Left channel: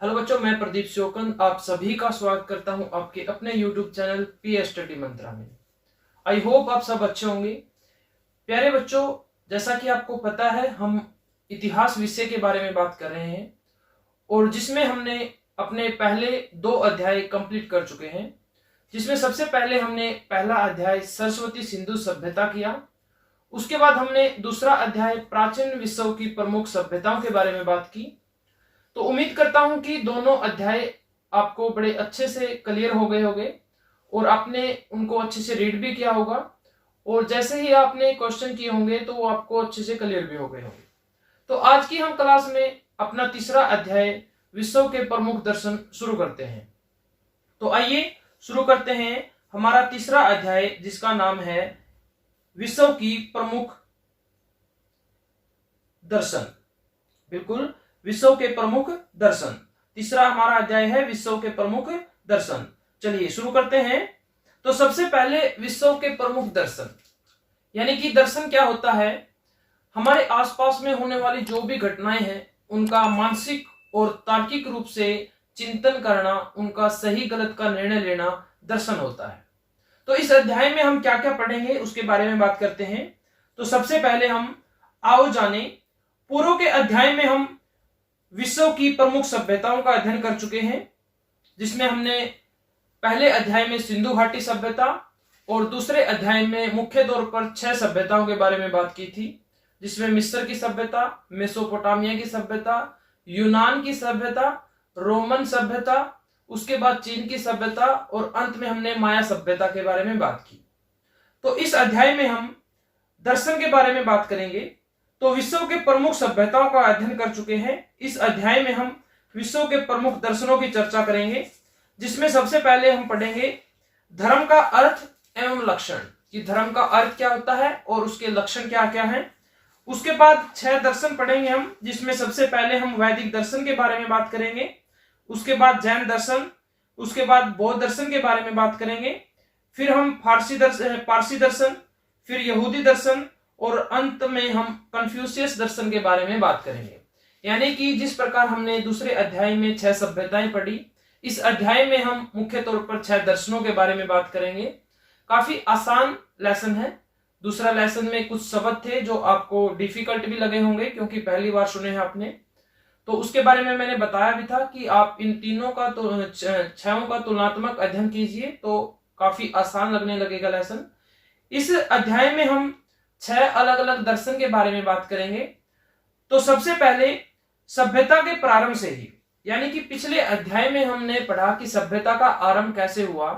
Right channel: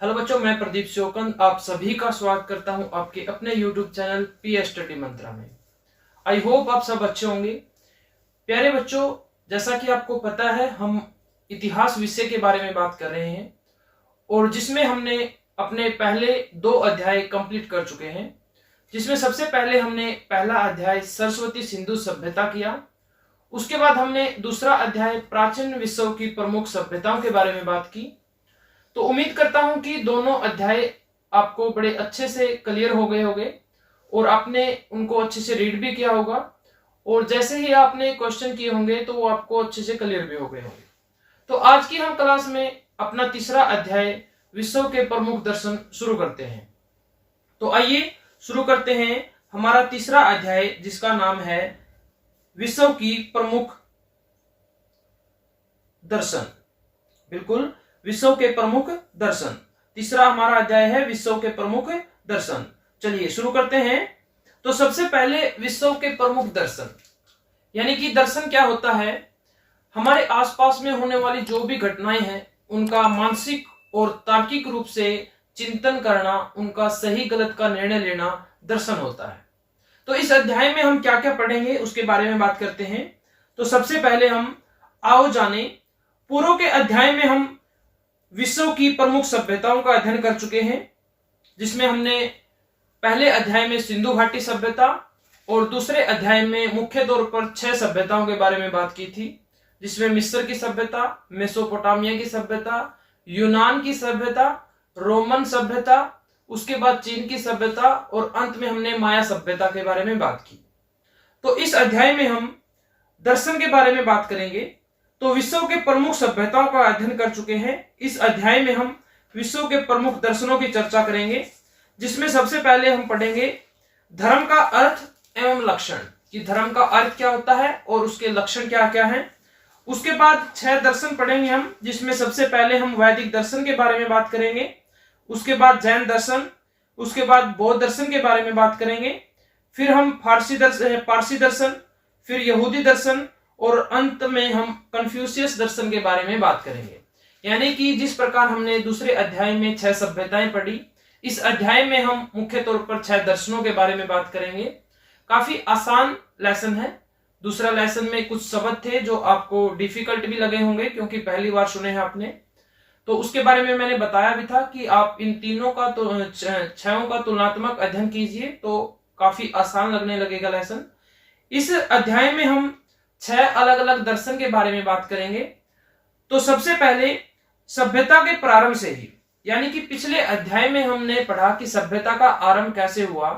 Hello बच्चों, मैं प्रदीप श्योकंद आप सभी का स्वागत करता हूं आपके अपने YouTube चैनल पी स्टडी मंत्रा में। आई होप आप सब अच्छे होंगे। प्यारे बच्चों, जैसा कि आपको पता है, हम इतिहास विषय के बारे में बात कर रहे हैं और जिसमें हमने अपने पहले 2 अध्याय कंप्लीट कर चुके हैं। जिसमें सबसे पहले हमने पहला अध्याय सरस्वती सिंधु सभ्यता किया। उसके बाद हमने दूसरा अध्याय प्राचीन विश्व की प्रमुख सभ्यताओं के बारे में बात की। तो उम्मीद करता हूं कि दोनों अध्याय आपको बड़े अच्छे से क्लियर हो गए होंगे और आपने उनको अच्छे से रीड भी किया होगा और जैसे ही आपने क्वेश्चन किए होंगे तो वो आपको अच्छे से क्लियर भी हो गए होंगे। तो आज की हम क्लास में अपना तीसरा अध्याय विश्व के प्रमुख दर्शन शुरू करते हैं। तो आइए शुरू करते हैं हमारा तीसरा अध्याय, जिसका नाम है विश्व की प्रमुख दर्शन। बिल्कुल, विश्व के प्रमुख दर्शन। तीसरा हमारा अध्याय है विश्व के प्रमुख दर्शन। चलिए शुरू करते हैं। तो सबसे पहले विश्व के प्रमुख दर्शन, यानी कि दर्शन क्या होता है? हमारे आसपास में होने वाली जो भी घटनाएं हैं उनका मानसिक और तार्किक रूप से चिंतन करना, उनका सही गलत का निर्णय लेना दर्शन होता है। तो इस अध्याय में हम क्या क्या पढ़ेंगे उसके बारे में बात करते हैं। तो सबसे पहले हम आओ जाने, पूर्व के अध्याय में हम विश्व की प्रमुख सभ्यताओं का अध्ययन कर चुके हैं, जिसमें हमने पहले अध्याय में सिंधु घाटी सभ्यता और दूसरे अध्याय में मुख्य तौर पर 6 सभ्यताओं के बारे में बात की थी, जिसमें मिस्र की सभ्यता, मेसोपोटामिया की सभ्यता, यूनान की सभ्यता, रोमन सभ्यता, उसके बाद चीन की सभ्यता और अंत में हमने माया सभ्यता के बारे में बात की। तो इस अध्याय में हम दर्शन के बारे में बात करेंगे। तो विश्व के प्रमुख सभ्यताओं का अध्ययन कर चुके हैं। इस अध्याय में हम विश्व के प्रमुख दर्शनों की चर्चा करेंगे, जिसमें सबसे पहले हम पढ़ेंगे धर्म का अर्थ एवं लक्षण, कि धर्म का अर्थ क्या होता है और उसके लक्षण क्या क्या हैं। उसके बाद 6 दर्शन पढ़ेंगे हम, जिसमें सबसे पहले हम वैदिक दर्शन के बारे में बात करेंगे, उसके बाद जैन दर्शन, उसके बाद बौद्ध दर्शन के बारे में बात करेंगे, फिर हम पारसी दर्शन, फिर यहूदी दर्शन और अंत में हम कन्फ्यूशियस दर्शन के बारे में बात करेंगे। यानी कि जिस प्रकार हमने दूसरे अध्याय में 6 सभ्यताएं पढ़ी, इस अध्याय में हम मुख्य तौर पर 6 दर्शनों के बारे में बात करेंगे। काफी आसान लेसन है। दूसरा लेसन में कुछ शब्द थे जो आपको डिफिकल्ट भी लगे होंगे, क्योंकि पहली बार सुने हैं आपने। तो उसके बारे में मैंने बताया भी था कि आप इन तीनों का तो 6 का तुलनात्मक अध्ययन कीजिए तो काफी आसान लगने लगेगा लेसन। इस अध्याय में हम 6 अलग अलग दर्शन के बारे में बात करेंगे। तो सबसे पहले सभ्यता के प्रारंभ से ही, यानी कि पिछले अध्याय में हमने पढ़ा कि सभ्यता का आरंभ कैसे हुआ।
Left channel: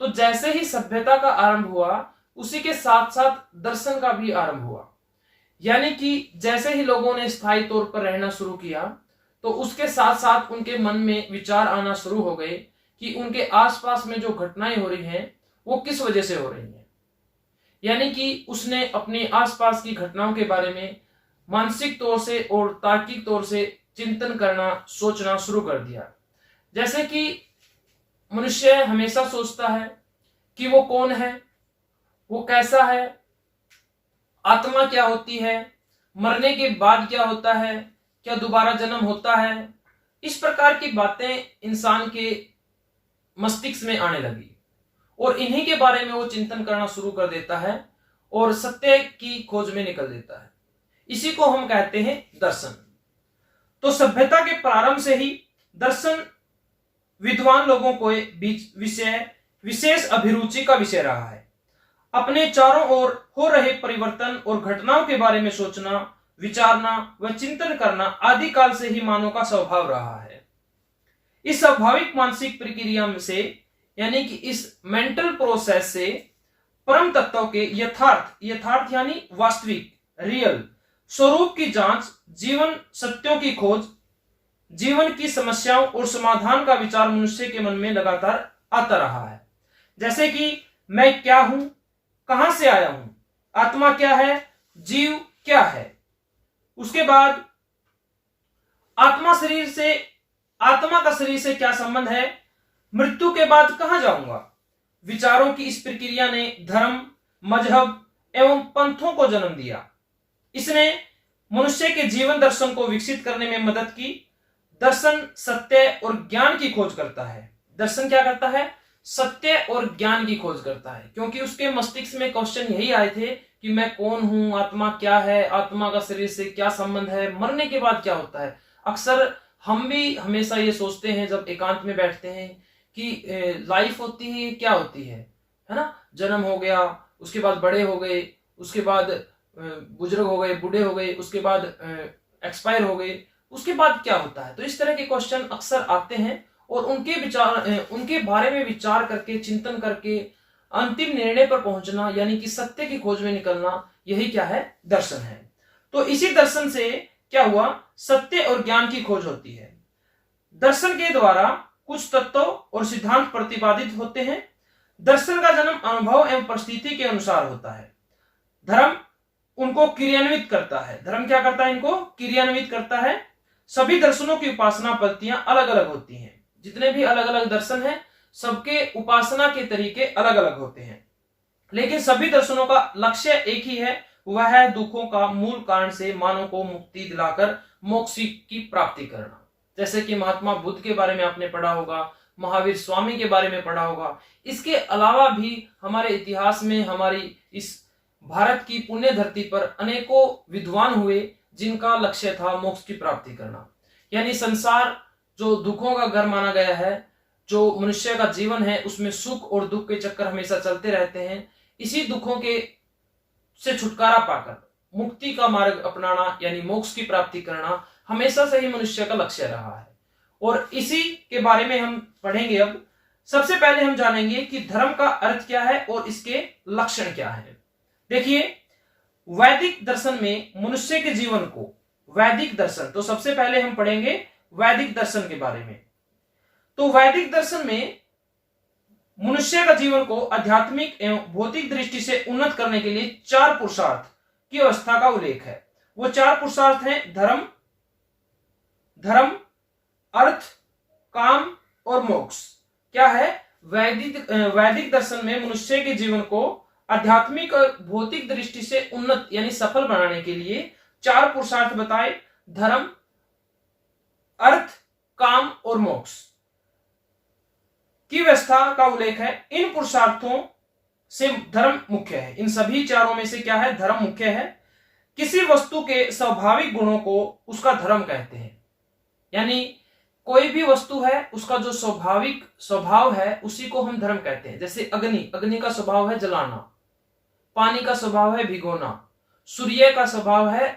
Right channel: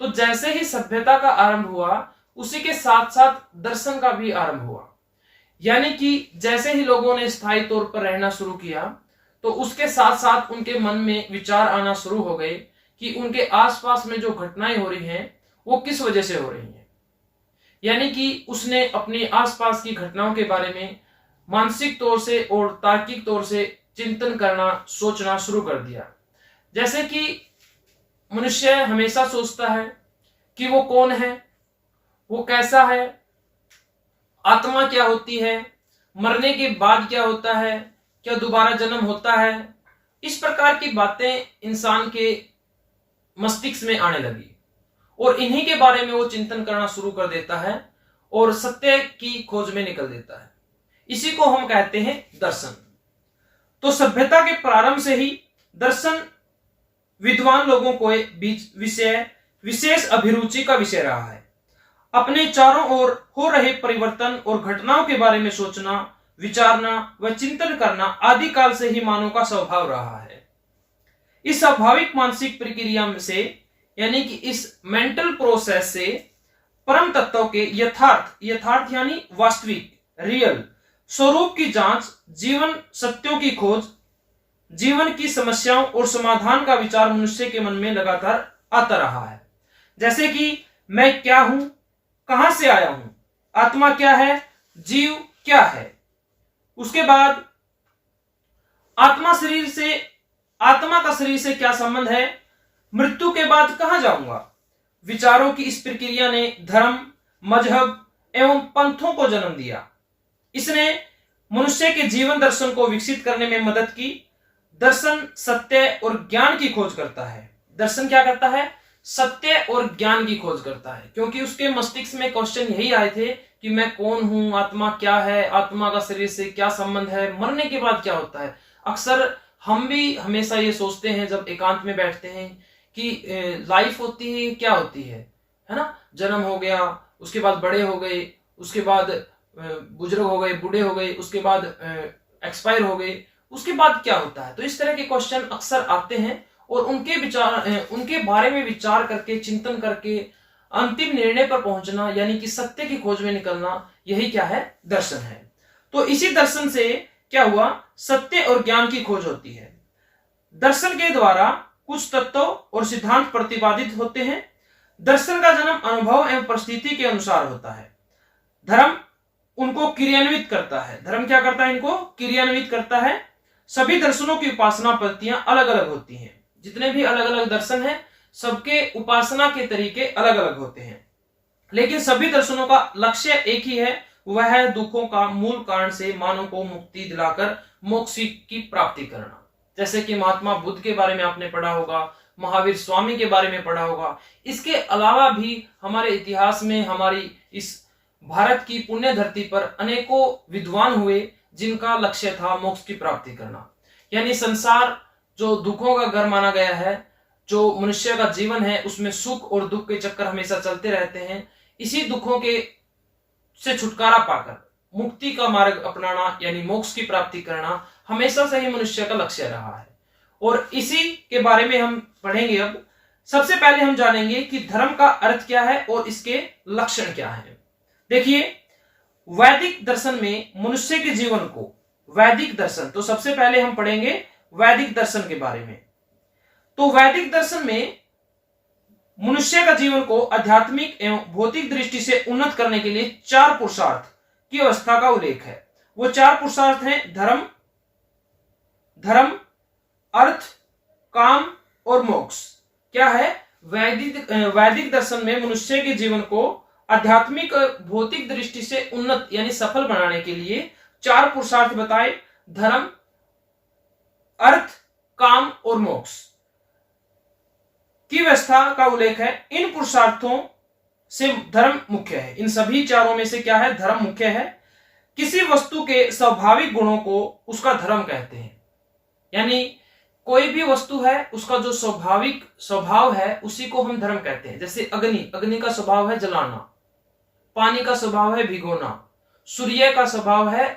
तो जैसे ही सभ्यता का आरंभ हुआ, उसी के साथ साथ दर्शन का भी आरंभ हुआ। यानी कि जैसे ही लोगों ने स्थायी तौर पर रहना शुरू किया, तो उसके साथ साथ उनके मन में विचार आना शुरू हो गए कि उनके आसपास में जो घटनाएं हो रही हैं वो किस वजह से हो रही हैं। यानी कि उसने अपने आसपास की घटनाओं के बारे में मानसिक तौर से और तार्किक तौर से चिंतन करना, सोचना शुरू कर दिया। जैसे कि मनुष्य हमेशा सोचता है कि वो कौन है, वो कैसा है, आत्मा क्या होती है, मरने के बाद क्या होता है, क्या दोबारा जन्म होता है। इस प्रकार की बातें इंसान के मस्तिष्क में आने लगी और इन्हीं के बारे में वो चिंतन करना शुरू कर देता है और सत्य की खोज में निकल देता है। इसी को हम कहते हैं दर्शन। तो सभ्यता के प्रारंभ से ही दर्शन विद्वान लोगों को बीच विशेष अभिरुचि का विषय रहा है। अपने चारों ओर हो रहे परिवर्तन और घटनाओं के बारे में सोचना, विचारना व चिंतन करना आदि काल से ही मानव का स्वभाव रहा है। इस स्वाभाविक मानसिक प्रक्रिया से, यानी कि इस मेंटल प्रोसेस से परम तत्वों के यथार्थ यानी वास्तविक, रियल स्वरूप की जांच, जीवन सत्यों की खोज, जीवन की समस्याओं और समाधान का विचार मनुष्य के मन में लगातार आता रहा है। जैसे कि मैं क्या हूं, कहां से आया हूं, आत्मा क्या है, जीव क्या है। उसके बाद आत्मा का शरीर से क्या संबंध है, मृत्यु के बाद कहां जाऊंगा। विचारों की इस प्रक्रिया ने धर्म, मजहब एवं पंथों को जन्म दिया। इसने मनुष्य के जीवन दर्शन को विकसित करने में मदद की। दर्शन सत्य और ज्ञान की खोज करता है। दर्शन क्या करता है? सत्य और ज्ञान की खोज करता है, क्योंकि उसके मस्तिष्क में क्वेश्चन यही आए थे कि मैं कौन हूं, आत्मा क्या है, आत्मा का शरीर से क्या संबंध है, मरने के बाद क्या होता है। अक्सर हम भी हमेशा ये सोचते हैं जब एकांत में बैठते हैं कि लाइफ होती है, क्या होती है ना, जन्म हो गया, उसके बाद बड़े हो गए, उसके बाद बुजुर्ग हो गए, बूढ़े हो गए, उसके बाद एक्सपायर हो गए, उसके बाद क्या होता है। तो इस तरह के क्वेश्चन अक्सर आते हैं और उनके बारे में विचार करके, चिंतन करके अंतिम निर्णय पर पहुंचना, यानी कि सत्य की खोज में निकलना, यही क्या है? दर्शन है। तो इसी दर्शन से क्या हुआ? सत्य और ज्ञान की खोज होती है। दर्शन के द्वारा कुछ तत्व और सिद्धांत प्रतिपादित होते हैं। दर्शन का जन्म अनुभव एवं परिस्थिति के अनुसार होता है। धर्म उनको क्रियान्वित करता है। धर्म क्या करता है? इनको क्रियान्वित करता है। सभी दर्शनों की उपासना पद्धतियां अलग अलग होती हैं। जितने भी अलग अलग दर्शन हैं, सबके उपासना के तरीके अलग अलग होते हैं, लेकिन सभी दर्शनों का लक्ष्य एक ही है, वह है दुखों का मूल कारण से मानव को मुक्ति दिलाकर मोक्ष की प्राप्ति करना। जैसे कि महात्मा बुद्ध के बारे में आपने पढ़ा होगा, महावीर स्वामी के बारे में पढ़ा होगा। इसके अलावा भी हमारे इतिहास में, हमारी इस भारत की पुण्य धरती पर अनेकों विद्वान हुए जिनका लक्ष्य था मोक्ष की प्राप्ति करना। यानी संसार जो दुखों का घर माना गया है, जो मनुष्य का जीवन है, उसमें सुख और दुख के चक्कर हमेशा चलते रहते हैं। इसी दुखों के से छुटकारा पाकर मुक्ति का मार्ग अपनाना, यानी मोक्ष की प्राप्ति करना, हमेशा से ही मनुष्य का लक्ष्य रहा है। और इसी के बारे में हम पढ़ेंगे। अब सबसे पहले हम जानेंगे कि धर्म का अर्थ क्या है और इसके लक्षण क्या है। देखिए, वैदिक दर्शन में मनुष्य के जीवन को, वैदिक दर्शन, तो सबसे पहले हम पढ़ेंगे वैदिक दर्शन के बारे में। तो वैदिक दर्शन में मनुष्य का जीवन को आध्यात्मिक एवं भौतिक दृष्टि से उन्नत करने के लिए 4 पुरुषार्थ की अवस्था का उल्लेख है। वो 4 पुरुषार्थ हैं धर्म, अर्थ, काम और मोक्ष। क्या है? वैदिक दर्शन में मनुष्य के जीवन को आध्यात्मिक और भौतिक दृष्टि से उन्नत यानी सफल बनाने के लिए 4 पुरुषार्थ बताए: धर्म, अर्थ, काम और मोक्ष की व्यवस्था का उल्लेख है। इन पुरुषार्थों से धर्म मुख्य है। इन सभी चारों में से क्या है? धर्म मुख्य है। किसी वस्तु के स्वाभाविक गुणों को उसका धर्म कहते हैं। यानी कोई भी वस्तु है, उसका जो स्वाभाविक स्वभाव है, उसी को हम धर्म कहते हैं। जैसे अग्नि का स्वभाव है जलाना, पानी का स्वभाव है भिगोना, सूर्य का स्वभाव है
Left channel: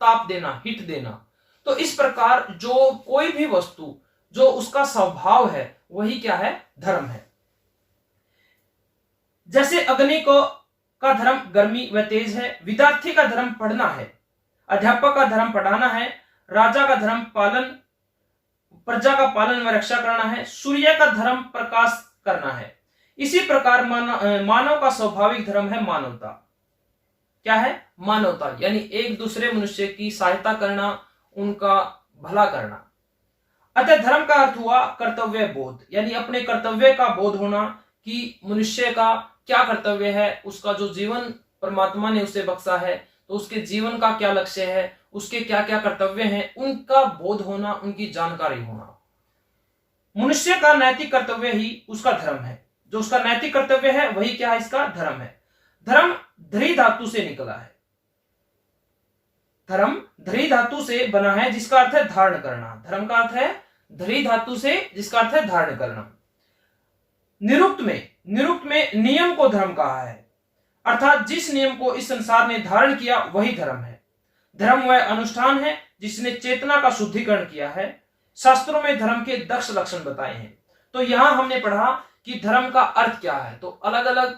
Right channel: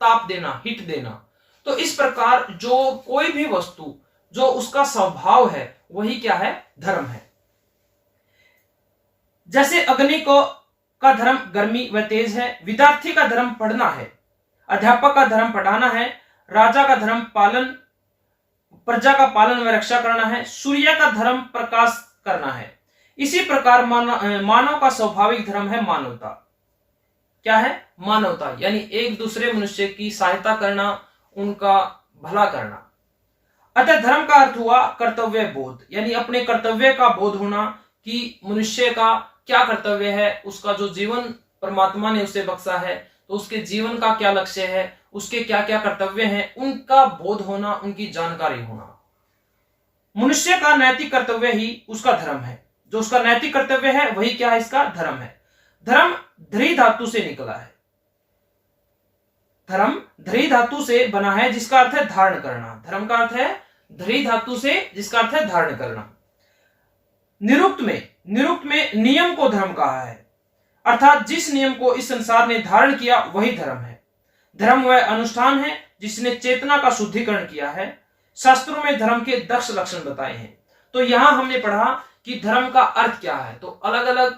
ताप देना, हीट देना। तो इस प्रकार जो कोई भी वस्तु जो उसका स्वभाव है, वही क्या है? धर्म है। जैसे अग्नि का धर्म गर्मी व तेज है, विद्यार्थी का धर्म पढ़ना है, अध्यापक का धर्म पढ़ाना है, राजा का धर्म प्रजा का पालन व रक्षा करना है, सूर्य का धर्म प्रकाश करना है। इसी प्रकार मानव का स्वाभाविक धर्म है मानवता। क्या है? मानवता, यानी एक दूसरे मनुष्य की सहायता करना, उनका भला करना। अतः धर्म का अर्थ हुआ कर्तव्य बोध, यानी अपने कर्तव्य का बोध होना कि मनुष्य का क्या कर्तव्य है, उसका जो जीवन परमात्मा ने उसे बख्शा है, तो उसके जीवन का क्या लक्ष्य है, उसके क्या क्या कर्तव्य हैं, उनका बोध होना, उनकी जानकारी होना। मनुष्य का नैतिक कर्तव्य ही उसका धर्म है। जो उसका नैतिक कर्तव्य है वही क्या है? इसका धर्म है। धर्म ध्री धातु से निकला है। धर्म ध्री धातु से बना है, जिसका अर्थ है धारण करना। धर्म का अर्थ है ध्री धातु से, जिसका अर्थ है धारण करना। निरुक्त में नियम को धर्म कहा है, अर्थात जिस नियम को इस संसार ने धारण किया वही धर्म है। धर्म वह अनुष्ठान है जिसने चेतना का शुद्धिकरण किया है। शास्त्रों में धर्म के 10 लक्षण बताए हैं। तो यहां हमने पढ़ा कि धर्म का अर्थ क्या है। तो अलग अलग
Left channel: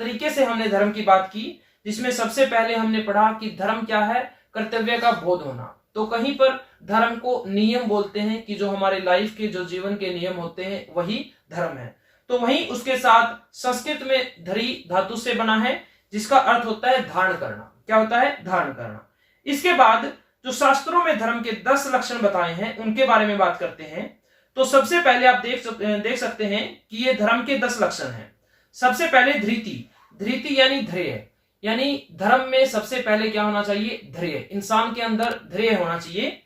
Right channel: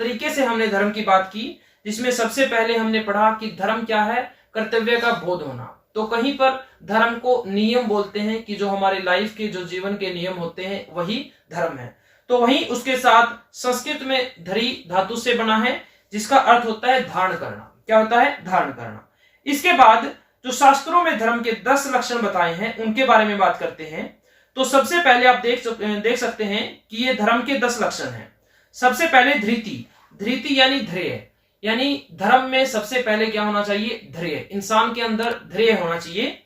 तरीके से हमने धर्म की बात की, जिसमें सबसे पहले हमने पढ़ा कि धर्म क्या है? कर्तव्य का बोध होना। तो कहीं पर धर्म को नियम बोलते हैं कि जो हमारे लाइफ के, जो जीवन के नियम होते हैं, वही धर्म है। तो वहीं उसके साथ संस्कृत में धरी धातु से बना है, जिसका अर्थ होता है धारण करना। क्या होता है? धारण करना। इसके बाद जो शास्त्रों में धर्म के 10 लक्षण बताए हैं, उनके बारे में बात करते हैं। तो सबसे पहले आप देख सकते हैं कि ये धर्म के 10 लक्षण हैं। सबसे पहले धृति यानी ध्येय, यानी धर्म में सबसे पहले क्या होना चाहिए? ध्येय। इंसान के अंदर ध्येय होना चाहिए।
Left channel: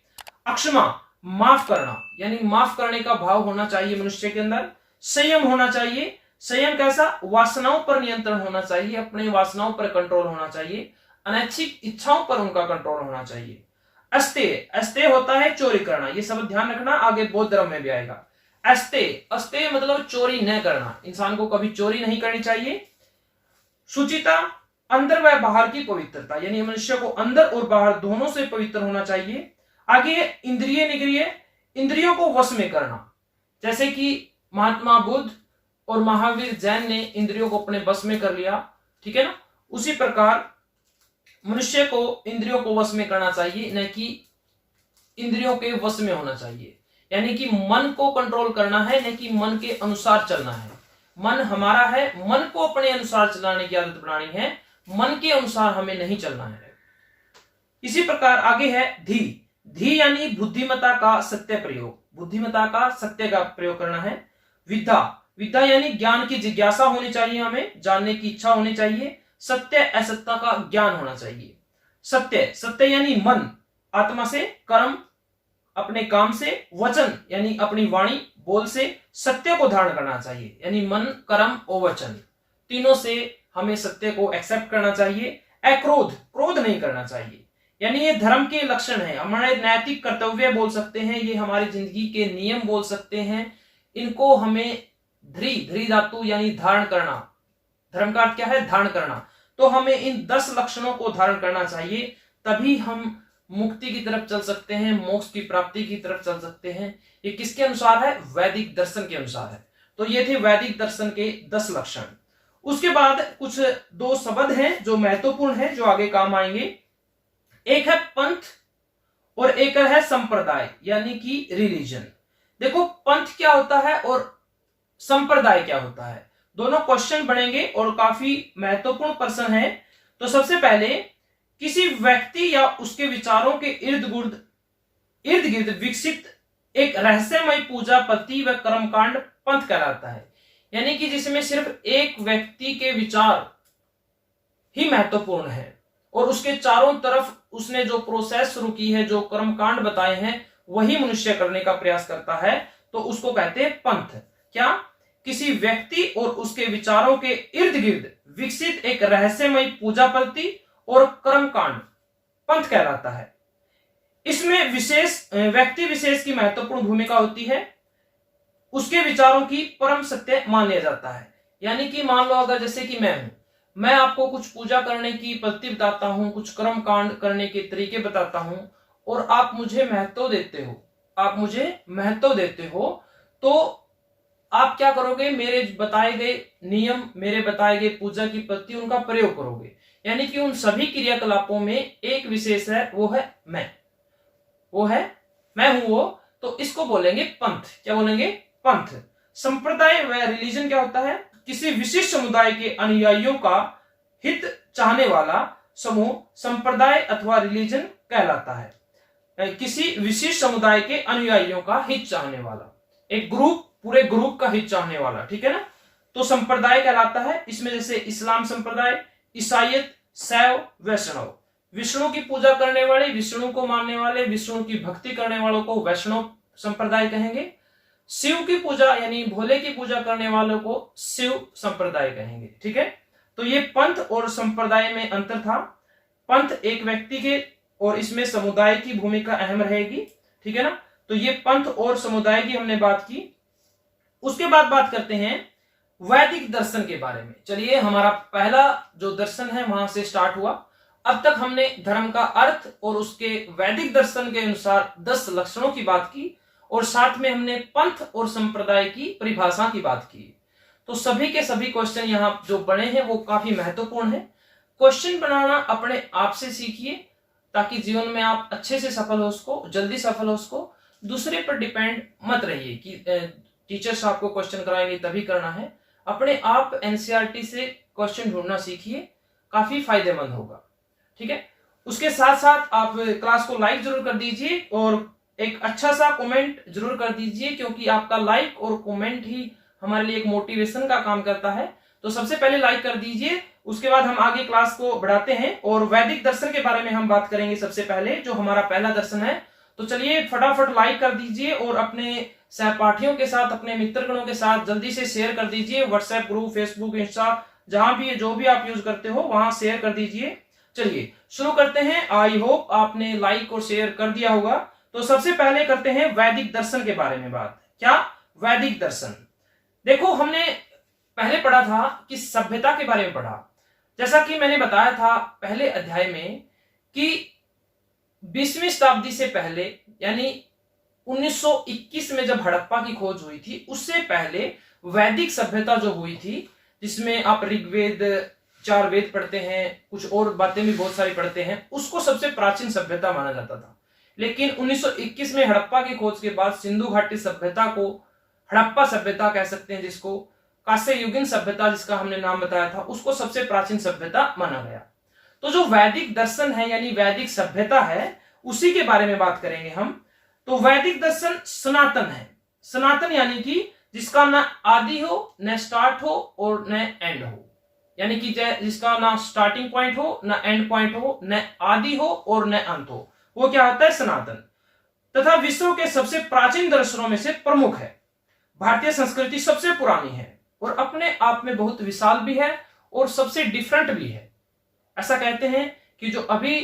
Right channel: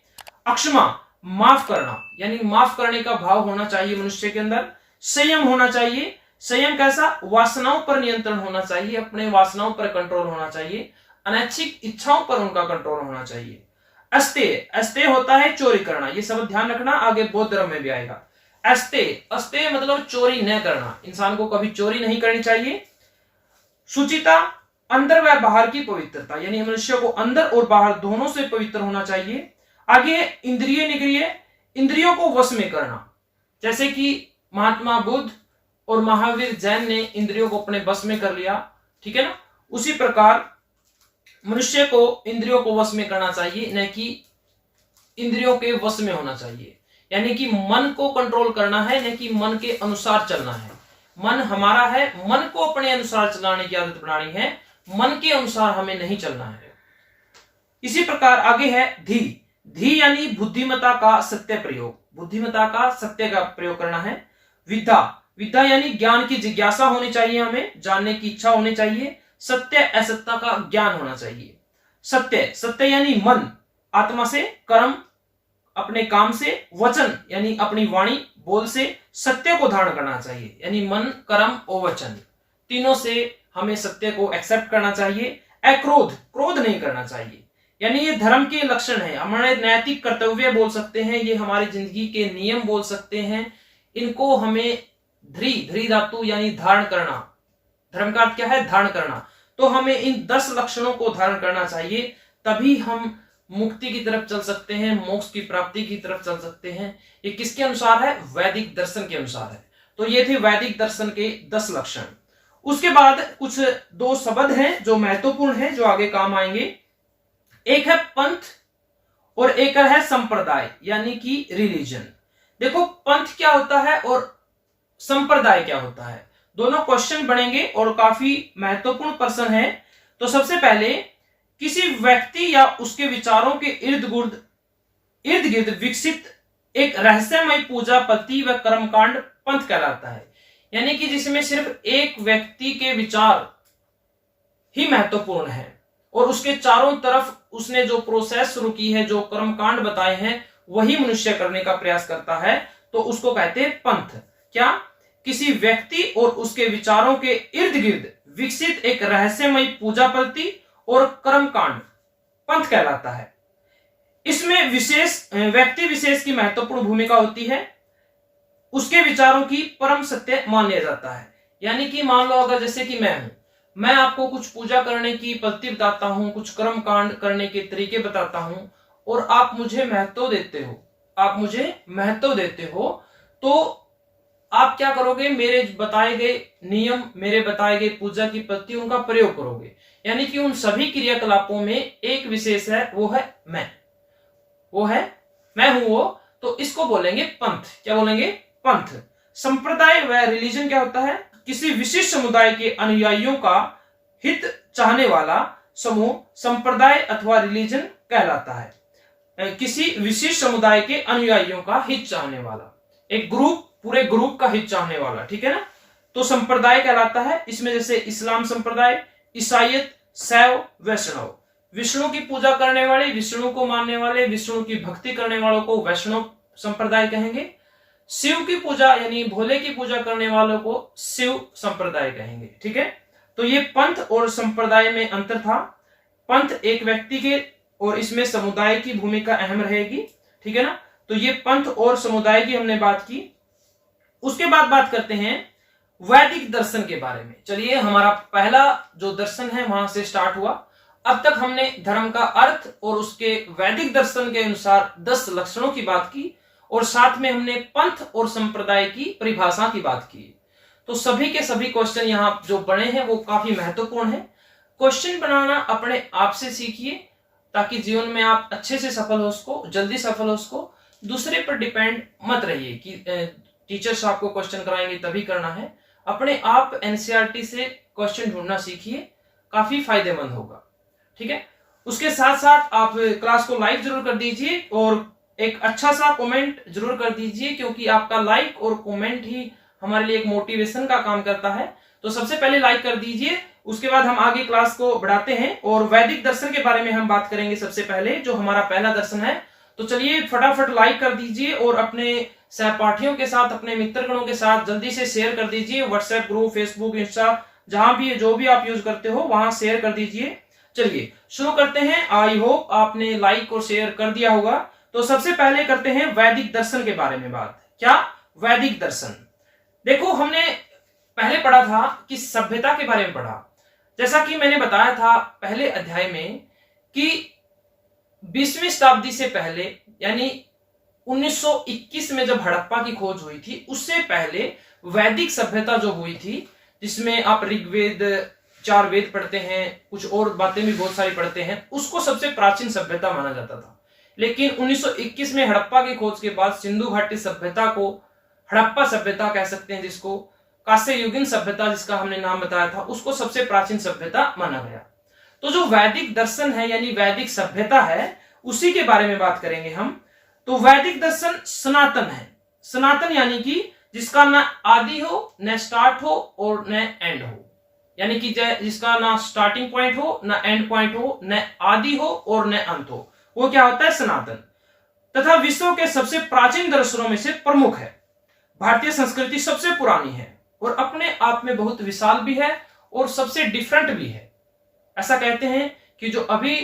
अक्षमा माफ करना, यानी माफ करने का भाव होना चाहिए मनुष्य के अंदर। संयम होना चाहिए। संयम कैसा? वासनाओं पर नियंत्रण होना चाहिए, अपने वासनाओं पर कंट्रोल होना चाहिए, अनैच्छिक इच्छाओं पर उनका कंट्रोल होना चाहिए। अस्तेय, अस्तेय होता है चोरी करना, ये सब ध्यान रखना, आगे बौद्ध धर्म में भी आएगा। अस्तेय, अस्तेय मतलब चोरी न करना, इंसान को कभी चोरी नहीं करनी चाहिए। शुचिता, अंदर व बाहर की पवित्रता, यानी मनुष्य को अंदर और बाहर दोनों से पवित्र होना चाहिए। आगे इंद्रिय निग्रिय, इंद्रियों को वश में करना, जैसे कि महात्मा बुद्ध और महावीर जैन ने इंद्रियों को अपने वश में कर लिया, ठीक है ना। उसी प्रकार मनुष्य को इंद्रियों को वश में करना चाहिए, न कि इंद्रियों के वश में होना चाहिए, यानी कि मन को कंट्रोल करना है, न कि मन के अनुसार चलना है। मन हमारा है, मन को अपने अनुसार चलाने की आदत बनानी है, मन के अनुसार हमें नहीं चलना है। इसी प्रकार आगे है धी। धी यानी बुद्धिमत्ता का सत्य प्रयोग, बुद्धिमत्ता का सत्य का प्रयोग करना है। विद्या, विद्या यानी ज्ञान की जिज्ञासा होनी चाहिए, हमें जानने की इच्छा होनी चाहिए। सत्य, असत्य का ज्ञान होना चाहिए। सत्य, सत्य यानी मन, आत्मा से, कर्म अपने काम से, वचन यानी अपनी वाणी बोल से सत्य को धारण करना चाहिए, यानी मन, कर्म और वचन तीनों से हमें सत्य को एक्सेप्ट करना चाहिए। अक्रोध, क्रोध नहीं करना चाहिए, यानी ये धर्म के लक्षण है, हमारे नैतिक कर्तव्य बोल सकते हैं, ये हमारी जिंदगी के नियम बोल सकते हैं। इनको हमें धृ धातु यानी धारण करना, धर्म का अर्थ क्या है? धारण करना। तो हमें इन 10 लक्षणों को धारण करना चाहिए, तभी हम मुक्ति की तरफ चल सकते हैं, मोक्ष की प्राप्ति की तरफ चल सकते हैं। ये किसके अनुसार है? वैदिक दर्शन के अनुसार है। तो ये थे वैदिक दर्शन के 10 लक्षण। उसके बाद कुछ 2 शब्द हैं जो महत्वपूर्ण हैं, जो आगे काम आएंगे। एक है पंथ और एक है संप्रदाय, यानी कि रिलीजन। देखो पंथ क्या होता है और संप्रदाय क्या होता है, दोनों क्वेश्चन बनेंगे और काफी महत्वपूर्ण प्रश्न है। तो सबसे पहले, किसी व्यक्ति या उसके विचारों के इर्द गिर्द विकसित एक रहस्यमय पूजा पद्धति व कर्मकांड पंथ कहलाता है, यानी कि जिसमें सिर्फ एक व्यक्ति के विचार ही महत्वपूर्ण है और उसके चारों तरफ उसने जो प्रोसेस शुरू की है, जो कर्मकांड बताए हैं, वही मनुष्य करने का प्रयास करता है, तो उसको कहते हैं पंथ। क्या? किसी व्यक्ति और उसके विचारों के इर्द गिर्द विकसित एक रहस्यमय पूजा पद्धति और कर्मकांड पंथ कहलाता है। इसमें व्यक्ति विशेष की महत्वपूर्ण भूमिका होती है, उसके विचारों की परम सत्य मान लिया जाता है। यानी कि मान लो अगर जैसे कि मैं आपको कुछ पूजा करने की पद्धति बताता हूं, कुछ कर्मकांड करने के तरीके बताता हूं और आप मुझे महत्व देते हो, तो आप क्या करोगे? मेरे बताए गए नियम, मेरे बताए गए पूजा की पद्धति, उनका प्रयोग करोगे। यानी कि उन सभी क्रियाकलापों में एक विशेष है, वो है मैं हूं वो, तो इसको बोलेंगे पंथ। क्या बोलेंगे? पंथ। संप्रदाय व रिलीजन क्या होता है? किसी विशिष्ट समुदाय के अनुयायियों का हित चाहने वाला समूह संप्रदाय अथवा रिलीजन कहलाता है। किसी विशिष्ट समुदाय के अनुयायियों का हित चाहने वाला, एक ग्रुप, पूरे ग्रुप का हित चाहने वाला, ठीक है ना, तो संप्रदाय कहलाता है। इसमें जैसे इस्लाम संप्रदाय, ईसाईयत, शैव, वैष्णव, विष्णु की पूजा करने वाले, विष्णु को मानने वाले, विष्णु की भक्ति करने वालों को वैष्णव संप्रदाय कहेंगे। शिव की पूजा यानी भोले की पूजा करने वालों को शिव संप्रदाय कहेंगे, ठीक है। तो ये पंथ और संप्रदाय में अंतर था। पंथ एक व्यक्ति के और इसमें समुदाय की भूमिका अहम रहेगी, ठीक है ना। तो ये पंथ और समुदाय की हमने बात की। उसके बाद बात करते हैं वैदिक दर्शन के बारे में। चलिए, हमारा पहला जो दर्शन है वहां से स्टार्ट हुआ। अब तक हमने धर्म का अर्थ और उसके वैदिक दर्शन के अनुसार 10 लक्षणों की बात की और साथ में हमने पंथ और संप्रदाय की परिभाषा की बात की। तो सभी के सभी क्वेश्चन यहाँ जो बने हैं वो काफी महत्वपूर्ण है। क्वेश्चन बनाना अपने आप से सीखिए ताकि जीवन में आप अच्छे से सफल हो सको, जल्दी सफल हो सको। दूसरे पर डिपेंड मत रहिए कि टीचर्स आपको क्वेश्चन कराएंगे तभी करना है। अपने आप एनसीईआरटी से क्वेश्चन ढूंढना सीखिए, काफी फायदेमंद होगा, ठीक है। उसके साथ साथ आप क्लास को लाइक जरूर कर दीजिए और एक अच्छा सा कमेंट जरूर कर दीजिए, क्योंकि आपका लाइक और कमेंट ही हमारे लिए एक मोटिवेशन का काम करता है। तो सबसे पहले लाइक कर दीजिए, उसके बाद हम आगे क्लास को बढ़ाते हैं और वैदिक दर्शन के बारे में हम बात करेंगे। सबसे पहले जो हमारा पहला दर्शन है, तो चलिए फटाफट लाइक कर दीजिए और अपने सहपाठियों के साथ, अपने मित्रगणों के साथ जल्दी से शेयर कर दीजिए। व्हाट्सएप ग्रुप, फेसबुक, इंस्टा, जहां भी जो भी आप यूज करते हो वहां शेयर कर दीजिए। चलिए शुरू करते हैं। आई होप आपने लाइक और शेयर कर दिया होगा। तो सबसे पहले करते हैं वैदिक दर्शन के बारे में बात। क्या? वैदिक दर्शन। देखो, हमने पहले पढ़ा था कि सभ्यता के बारे में पढ़ा। जैसा कि मैंने बताया था पहले अध्याय में कि 20वीं शताब्दी से पहले, यानी 1921 में जब हड़प्पा की खोज हुई थी, उससे पहले वैदिक सभ्यता जो हुई थी, जिसमें आप ऋग्वेद, 4 वेद पढ़ते हैं, कुछ और बातें भी बहुत सारी पढ़ते हैं, उसको सबसे प्राचीन सभ्यता माना जाता था। लेकिन 1921 में हड़प्पा की खोज के बाद सिंधु घाटी सभ्यता को हड़प्पा सभ्यता कह सकते हैं, जिसको कांस्य युगीन सभ्यता जिसका हमने नाम बताया था, उसको सबसे प्राचीन सभ्यता माना गया। तो जो वैदिक दर्शन है यानी वैदिक सभ्यता है, उसी के बारे में बात करेंगे हम। तो वैदिक दर्शन सनातन है। सनातन यानी कि जिसका न आदि हो, न स्टार्ट हो और न एंड हो, यानी कि जिसका ना स्टार्टिंग पॉइंट हो, न एंड पॉइंट हो, न आदि हो और न अंत हो, वो क्या होता है? सनातन। तथा विश्व के सबसे प्राचीन दर्शनों में से प्रमुख है। भारतीय संस्कृति सबसे पुरानी है और अपने आप में बहुत विशाल भी है और सबसे डिफरेंट भी है। ऐसा कहते हैं कि जो अभी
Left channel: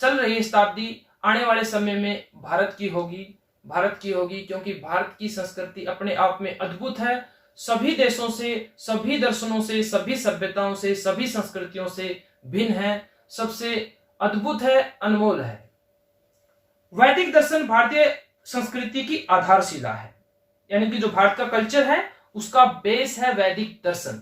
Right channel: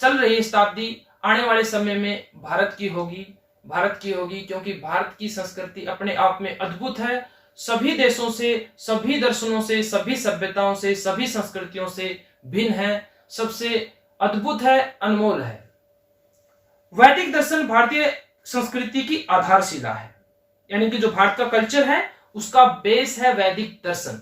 चल रही शताब्दी आने वाले समय में भारत की होगी, क्योंकि भारत की संस्कृति अपने आप में अद्भुत है। सभी देशों से, सभी दर्शनों से, सभी सभ्यताओं से, सभी संस्कृतियों से भिन्न है, सबसे अद्भुत है, अनमोल है। वैदिक दर्शन भारतीय संस्कृति की आधारशिला है, यानी कि जो भारत का कल्चर है उसका बेस है वैदिक दर्शन।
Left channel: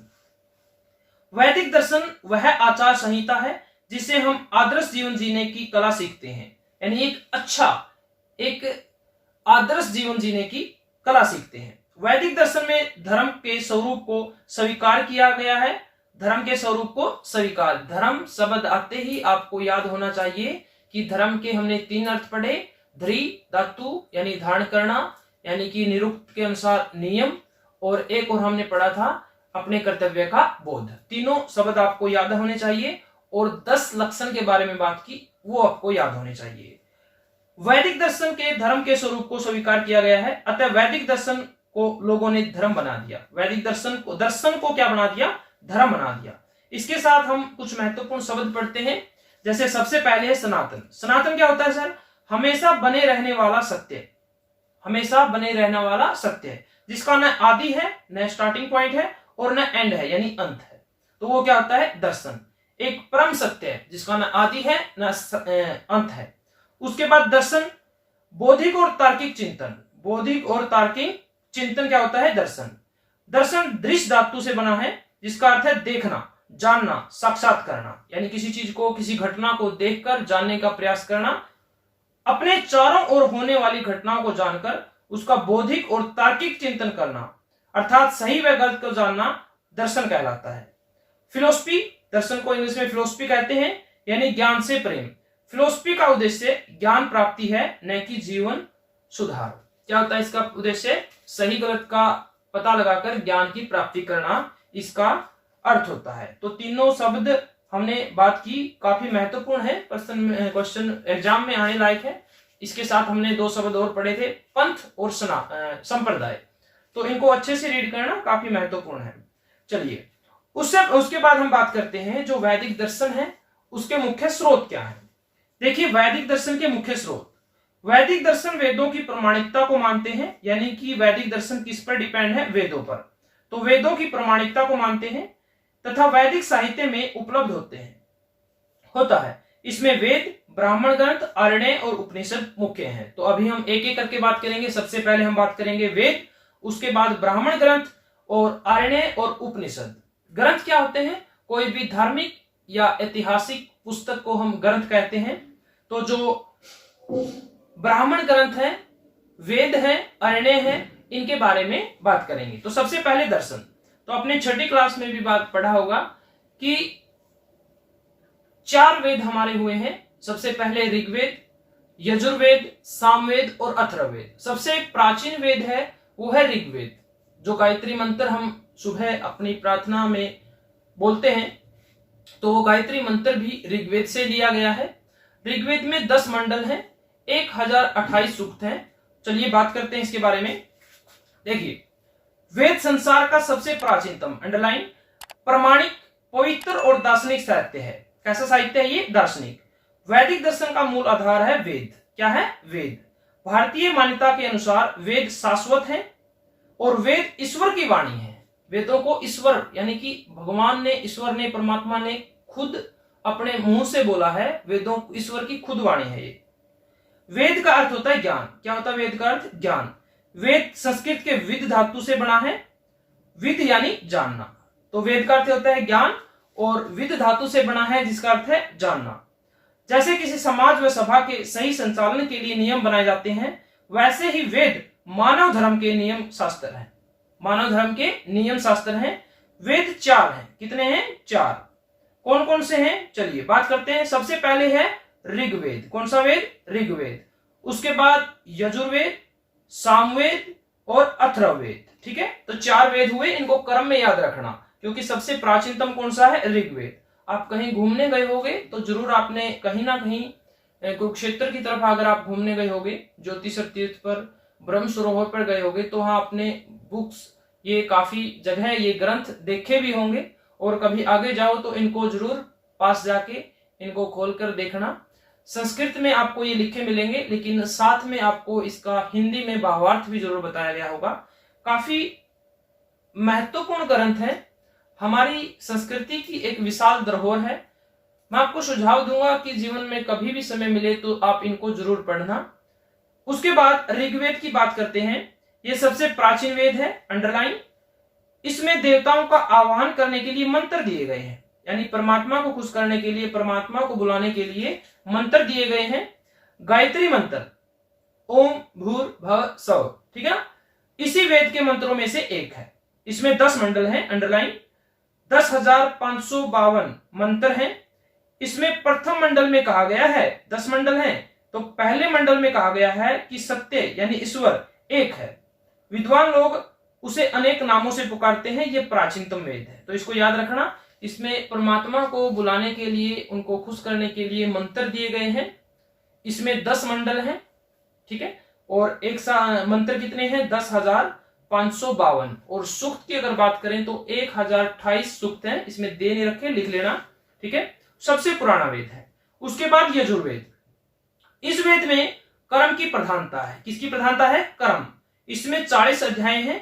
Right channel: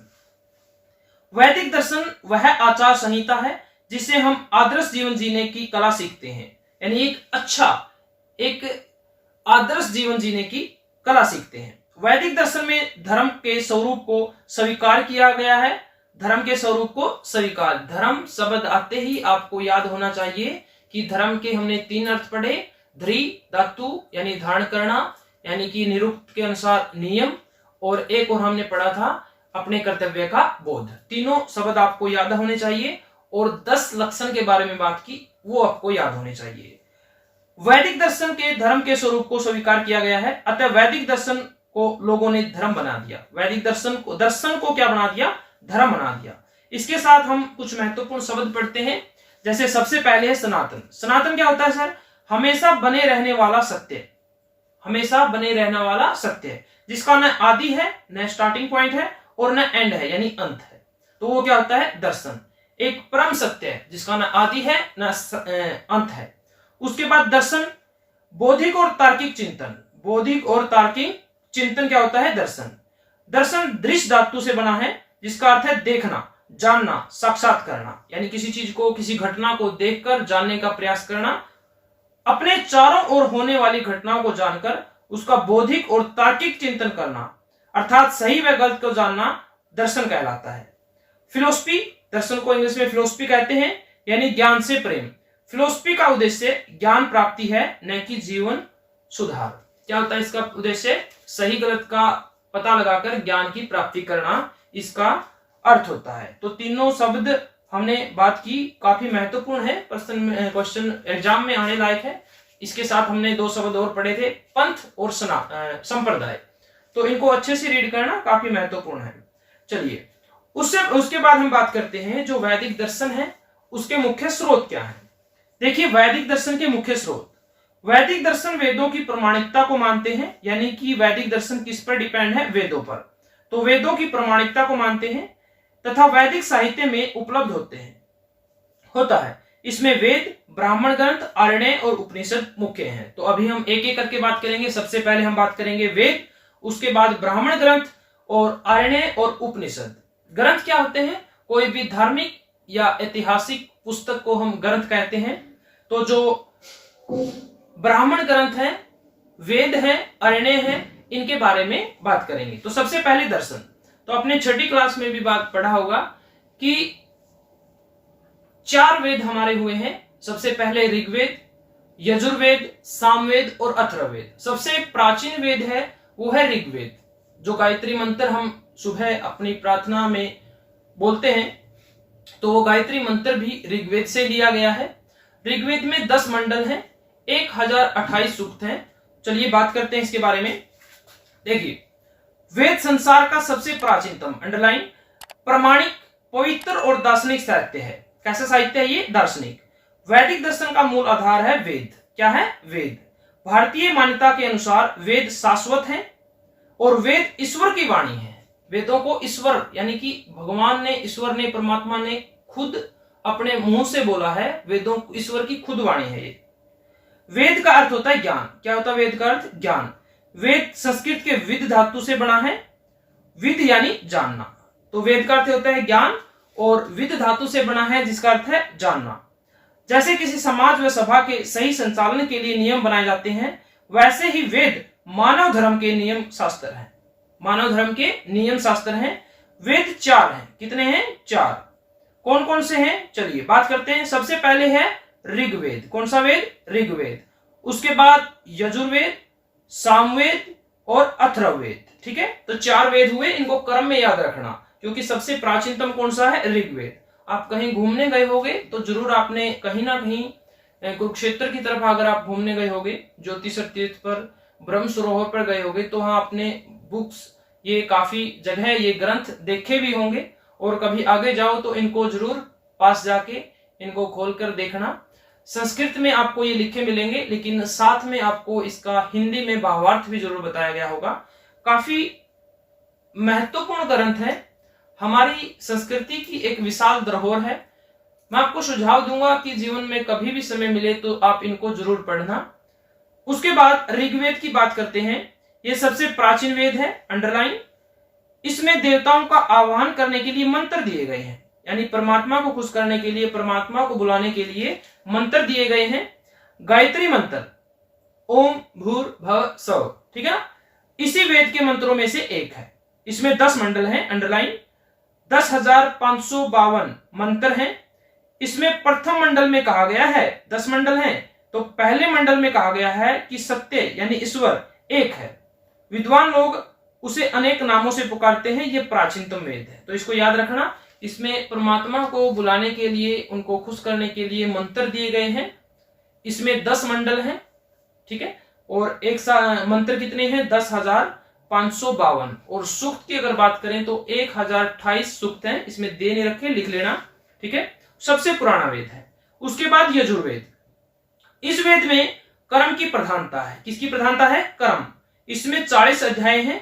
वैदिक दर्शन वह आचार संहिता है जिससे हम आदर्श जीवन जीने की कला सीखते हैं, यानी एक आदर्श जीवन जीने की कला सीखते हैं। वैदिक दर्शन में धर्म के स्वरूप को स्वीकार किया गया है। धर्म के स्वरूप को स्वीकार, धर्म शब्द आते ही आपको याद होना चाहिए कि धर्म के हमने 3 अर्थ पढ़े। ध्री धातु यानी धारण करना, यानी कि निरुक्त के अनुसार नियम, और एक और हमने पढ़ा था अपने कर्तव्य का बोध। तीनों शब्द आपको याद होने चाहिए और 10 लक्षण के बारे में बात की, वो आपको याद होने चाहिए। वैदिक दर्शन के धर्म के स्वरूप को स्वीकार किया गया है, अतः वैदिक दर्शन को लोगों ने धर्म बना दिया। वैदिक दर्शन को क्या बना दिया? धर्म बना दिया। इसके साथ हम कुछ महत्वपूर्ण शब्द पढ़ते हैं। जैसे सबसे पहले है सनातन। सनातन क्या होता है सर? हमेशा बने रहने वाला सत्य, हमेशा बने रहने वाला सत्य, जिसका न आदि है, न स्टार्टिंग पॉइंट है और न एंड है, यानी अंत है। तो वो क्या होता है? दर्शन। एक परम सत्य है जिसका न आदि है न अंत है। उसके बाद दर्शन, बौद्धिक और तार्किक चिंतन। बौद्धिक और तार्किक चिंतन क्या होता है? दर्शन। दर्शन दृश्य धातु से बना है, जिसका अर्थ है देखना, जानना, साक्षात करना, यानी किसी चीज को, किसी घटना को देखकर जानने का प्रयास करना। अपने चारों ओर होने वाली घटनाओं को जानकर उसका बौद्धिक और तार्किक चिंतन करना, अर्थात सही व गलत को जानना, दर्शन कहलाता है। फिलोसफी, दर्शन को इंग्लिश में फिलोसफी कहते हैं, यानी ज्ञान से प्रेम। फिलोसफी का उद्देश्य ज्ञान प्राप्ति है, न कि जीवन सुधार। क्या होता है इसका उद्देश्य? सही गलत का पता लगाकर ज्ञान की प्राप्ति करना, इसका अर्थ होता है। तो तीनों शब्द हमने बात की, काफी महत्वपूर्ण है, क्वेश्चन एग्जाम में आने लायक है। इसके साथ हमने 2 शब्द और पढ़े थे, पंथ और संप्रदाय। तो इनको अच्छे से रीड करना काफी महत्वपूर्ण है। चलिए उसके बाद हम बात करते हैं जो वैदिक दर्शन है उसके मुख्य स्रोत क्या है। देखिए, वैदिक दर्शन के मुख्य स्रोत। वैदिक दर्शन वेदों की प्रमाणिकता को मानते हैं, यानी कि वैदिक दर्शन किस पर डिपेंड है? वेदों पर। तो वेदों की प्रमाणिकता को मानते हैं तथा वैदिक साहित्य में उपलब्ध होता है। इसमें वेद, ब्राह्मण ग्रंथ, आरण्य और उपनिषद मुख्य हैं। तो अभी हम एक एक करके बात करेंगे। सबसे पहले हम बात करेंगे वेद, उसके बाद ब्राह्मण ग्रंथ और आरण्य और उपनिषद। ग्रंथ क्या होते हैं? कोई भी धार्मिक या ऐतिहासिक पुस्तक को हम ग्रंथ कहते हैं। तो जो ब्राह्मण ग्रंथ है, वेद है, आरण्य है, इनके बारे में बात करेंगे। तो सबसे पहले दर्शन। तो अपने 6ठी क्लास में भी बात पढ़ा होगा कि 4 वेद हमारे हुए हैं। सबसे पहले ऋग्वेद, यजुर्वेद, सामवेद और अथर्ववेद। सबसे प्राचीन वेद है वो है ऋग्वेद, जो गायत्री मंत्र हम सुबह अपनी प्रार्थना में बोलते हैं। तो वो गायत्री मंत्र भी ऋग्वेद से लिया गया है। ऋग्वेद में 10 मंडल हैं। 1028 सूक्त हैं। चलिए बात करते हैं इसके बारे में। देखिए, वेद संसार का सबसे प्राचीनतम, अंडरलाइन, प्रमाणिक, पवित्र और दार्शनिक साहित्य है। कैसा साहित्य है ये? दार्शनिक। वैदिक दर्शन का मूल आधार है वेद। क्या है? वेद। भारतीय मान्यता के अनुसार वेद शाश्वत हैं और वेद ईश्वर की वाणी है। वेदों को ईश्वर यानी कि भगवान ने, ईश्वर ने, परमात्मा ने खुद अपने मुंह से बोला है। वेदों, ईश्वर की खुद वाणी है ये। वेद का अर्थ होता है ज्ञान। क्या होता है वेद का अर्थ? ज्ञान। वेद संस्कृत के विद धातु से बना है। विद यानी जानना, तो वेद का अर्थ होता है ज्ञान और विद धातु से बना है जिसका अर्थ है जानना। जैसे किसी समाज व सभा के सही संचालन के लिए नियम बनाए जाते हैं, वैसे ही वेद मानव धर्म के नियम शास्त्र हैं। मानव धर्म के नियम शास्त्र हैं। वेद 4 हैं। कितने हैं? 4। कौन कौन से हैं? चलिए बात करते हैं। सबसे पहले है ऋग्वेद। कौन सा वेद? ऋग्वेद। उसके बाद यजुर्वेद, सामवेद और अथर्ववेद। ठीक है, तो 4 वेद हुए। इनको क्रम में याद रखना, क्योंकि सबसे प्राचीनतम कौन सा है? ऋग्वेद। आप कहीं घूमने गए होगे तो जरूर आपने कहीं ना कहीं कुरुक्षेत्र की तरफ अगर आप घूमने गए होगे, ज्योतिष तीर्थ पर, ब्रह्म सरोवर पर गए होगे, तो वहां आपने बुक्स, ये काफी जगह ये ग्रंथ देखे भी होंगे। और कभी आगे जाओ तो इनको जरूर पास जाके इनको खोलकर देखना। संस्कृत में आपको ये लिखे मिलेंगे, लेकिन साथ में आपको इसका हिंदी में भावार्थ भी जरूर बताया गया होगा। काफी महत्वपूर्ण ग्रंथ है, हमारी संस्कृति की एक विशाल धरोहर है। मैं आपको सुझाव दूंगा कि जीवन में कभी भी समय मिले तो आप इनको जरूर पढ़ना। उसके बाद ऋग्वेद की बात करते हैं। यह सबसे प्राचीन वेद है, अंडरलाइन। इसमें देवताओं का आह्वान करने के लिए मंत्र दिए गए हैं, यानी परमात्मा को खुश करने के लिए, परमात्मा को बुलाने के लिए मंत्र दिए गए हैं। गायत्री मंत्र, ओम भूर्भुवः स्वः, ठीक है ना, इसी वेद के मंत्रों में से एक है। इसमें 10 मंडल हैं, अंडरलाइन। 10,552 मंत्र हैं। इसमें प्रथम मंडल में कहा गया है, 10 मंडल हैं, तो पहले मंडल में कहा गया है कि सत्य यानी ईश्वर एक है। विद्वान लोग उसे अनेक नामों से पुकारते हैं। यह प्राचीनतम वेद है, तो इसको याद रखना। इसमें परमात्मा को बुलाने के लिए, उनको खुश करने के लिए मंत्र दिए गए हैं। इसमें 10 मंडल हैं, ठीक है, और एक मंत्र कितने हैं? 10,552। और सूक्त की अगर बात करें तो 1028 सूक्त हैं। इसमें दे नहीं रखे, लिख लेना, ठीक है। सबसे पुराना वेद है। उसके बाद यजुर्वेद। इस वेद में कर्म की प्रधानता है। किसकी प्रधानता है? कर्म। इसमें 40 अध्याय हैं,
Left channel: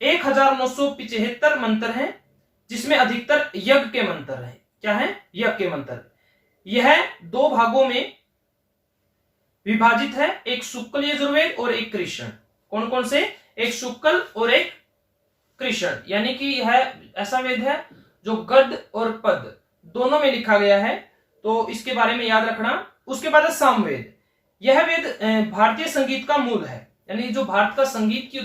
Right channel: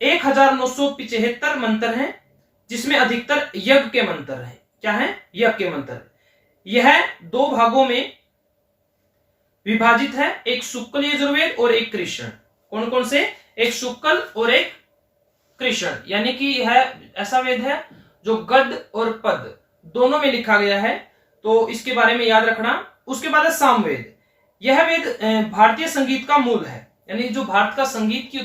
1975 मंत्र हैं, जिसमें अधिकतर यज्ञ के मंत्र हैं। क्या है? यज्ञ के मंत्र। यह 2 भागों में विभाजित है, एक शुक्ल यजुर्वेद और एक कृष्ण। कौन कौन से? एक शुक्ल और एक कृष्ण, यानी कि यह ऐसा वेद है जो गद्य और पद दोनों में लिखा गया है, तो इसके बारे में याद रखना। उसके बाद है सामवेद। यह वेद भारतीय संगीत का मूल है, यानी जो भारत का संगीत की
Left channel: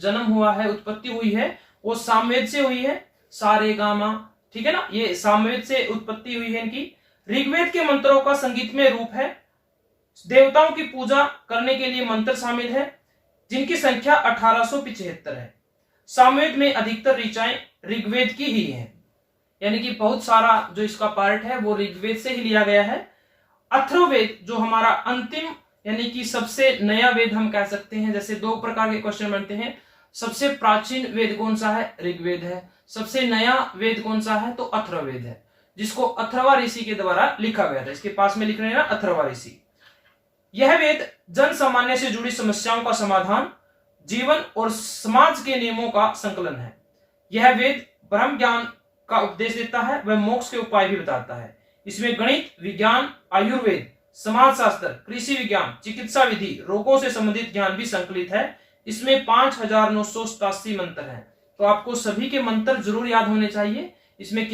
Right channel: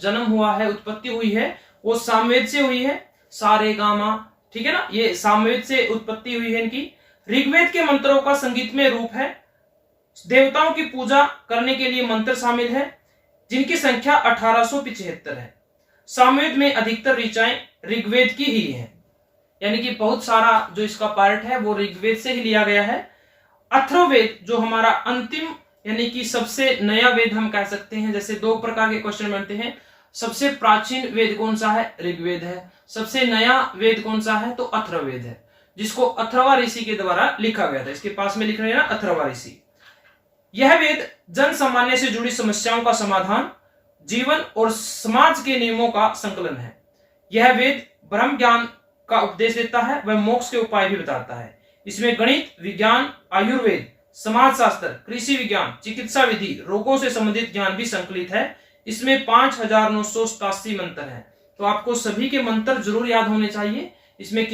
जन्म हुआ है, उत्पत्ति हुई है, वो सामवेद से हुई है। सारे गामा, ठीक है ना, ये सामवेद से उत्पत्ति हुई है इनकी। ऋग्वेद के मंत्रों का संगीत में रूप है। देवताओं की पूजा करने के लिए मंत्र शामिल है, जिनकी संख्या 1875 है। सामवेद में अधिकतर ऋचाएं ऋग्वेद की ही हैं, यानी कि बहुत सारा जो इसका पार्ट है वो ऋग्वेद से ही लिया गया है। अथर्ववेद जो हमारा अंतिम यानी कि सबसे नया वेद हम कह सकते हैं। जैसे 2 प्रकार के क्वेश्चन बनते हैं, सबसे प्राचीन वेद कौन सा है? ऋग्वेद है। सबसे नया वेद कौन सा है? तो अथर्ववेद है, जिसको अथर्वा ऋषि के द्वारा लिखा गया था। इसके पास में लिख रहे हैं ना, अथर्वा ऋषि। यह वेद जन सामान्य से जुड़ी समस्याओं का समाधान, जीवन और समाज के नियमों का संकलन है। यह वेद ब्रह्म ज्ञान का उपदेश देता है, वह मोक्ष के उपाय भी बताता है। इसमें गणित, विज्ञान, आयुर्वेद, समाजशास्त्र, कृषि विज्ञान, चिकित्सा विधि, रोगों से संबंधित ज्ञान भी संकलित है। इसमें 5,987 मंत्र हैं, तो आपको सभी के मंत्र जरूर याद होने चाहिए। इसमें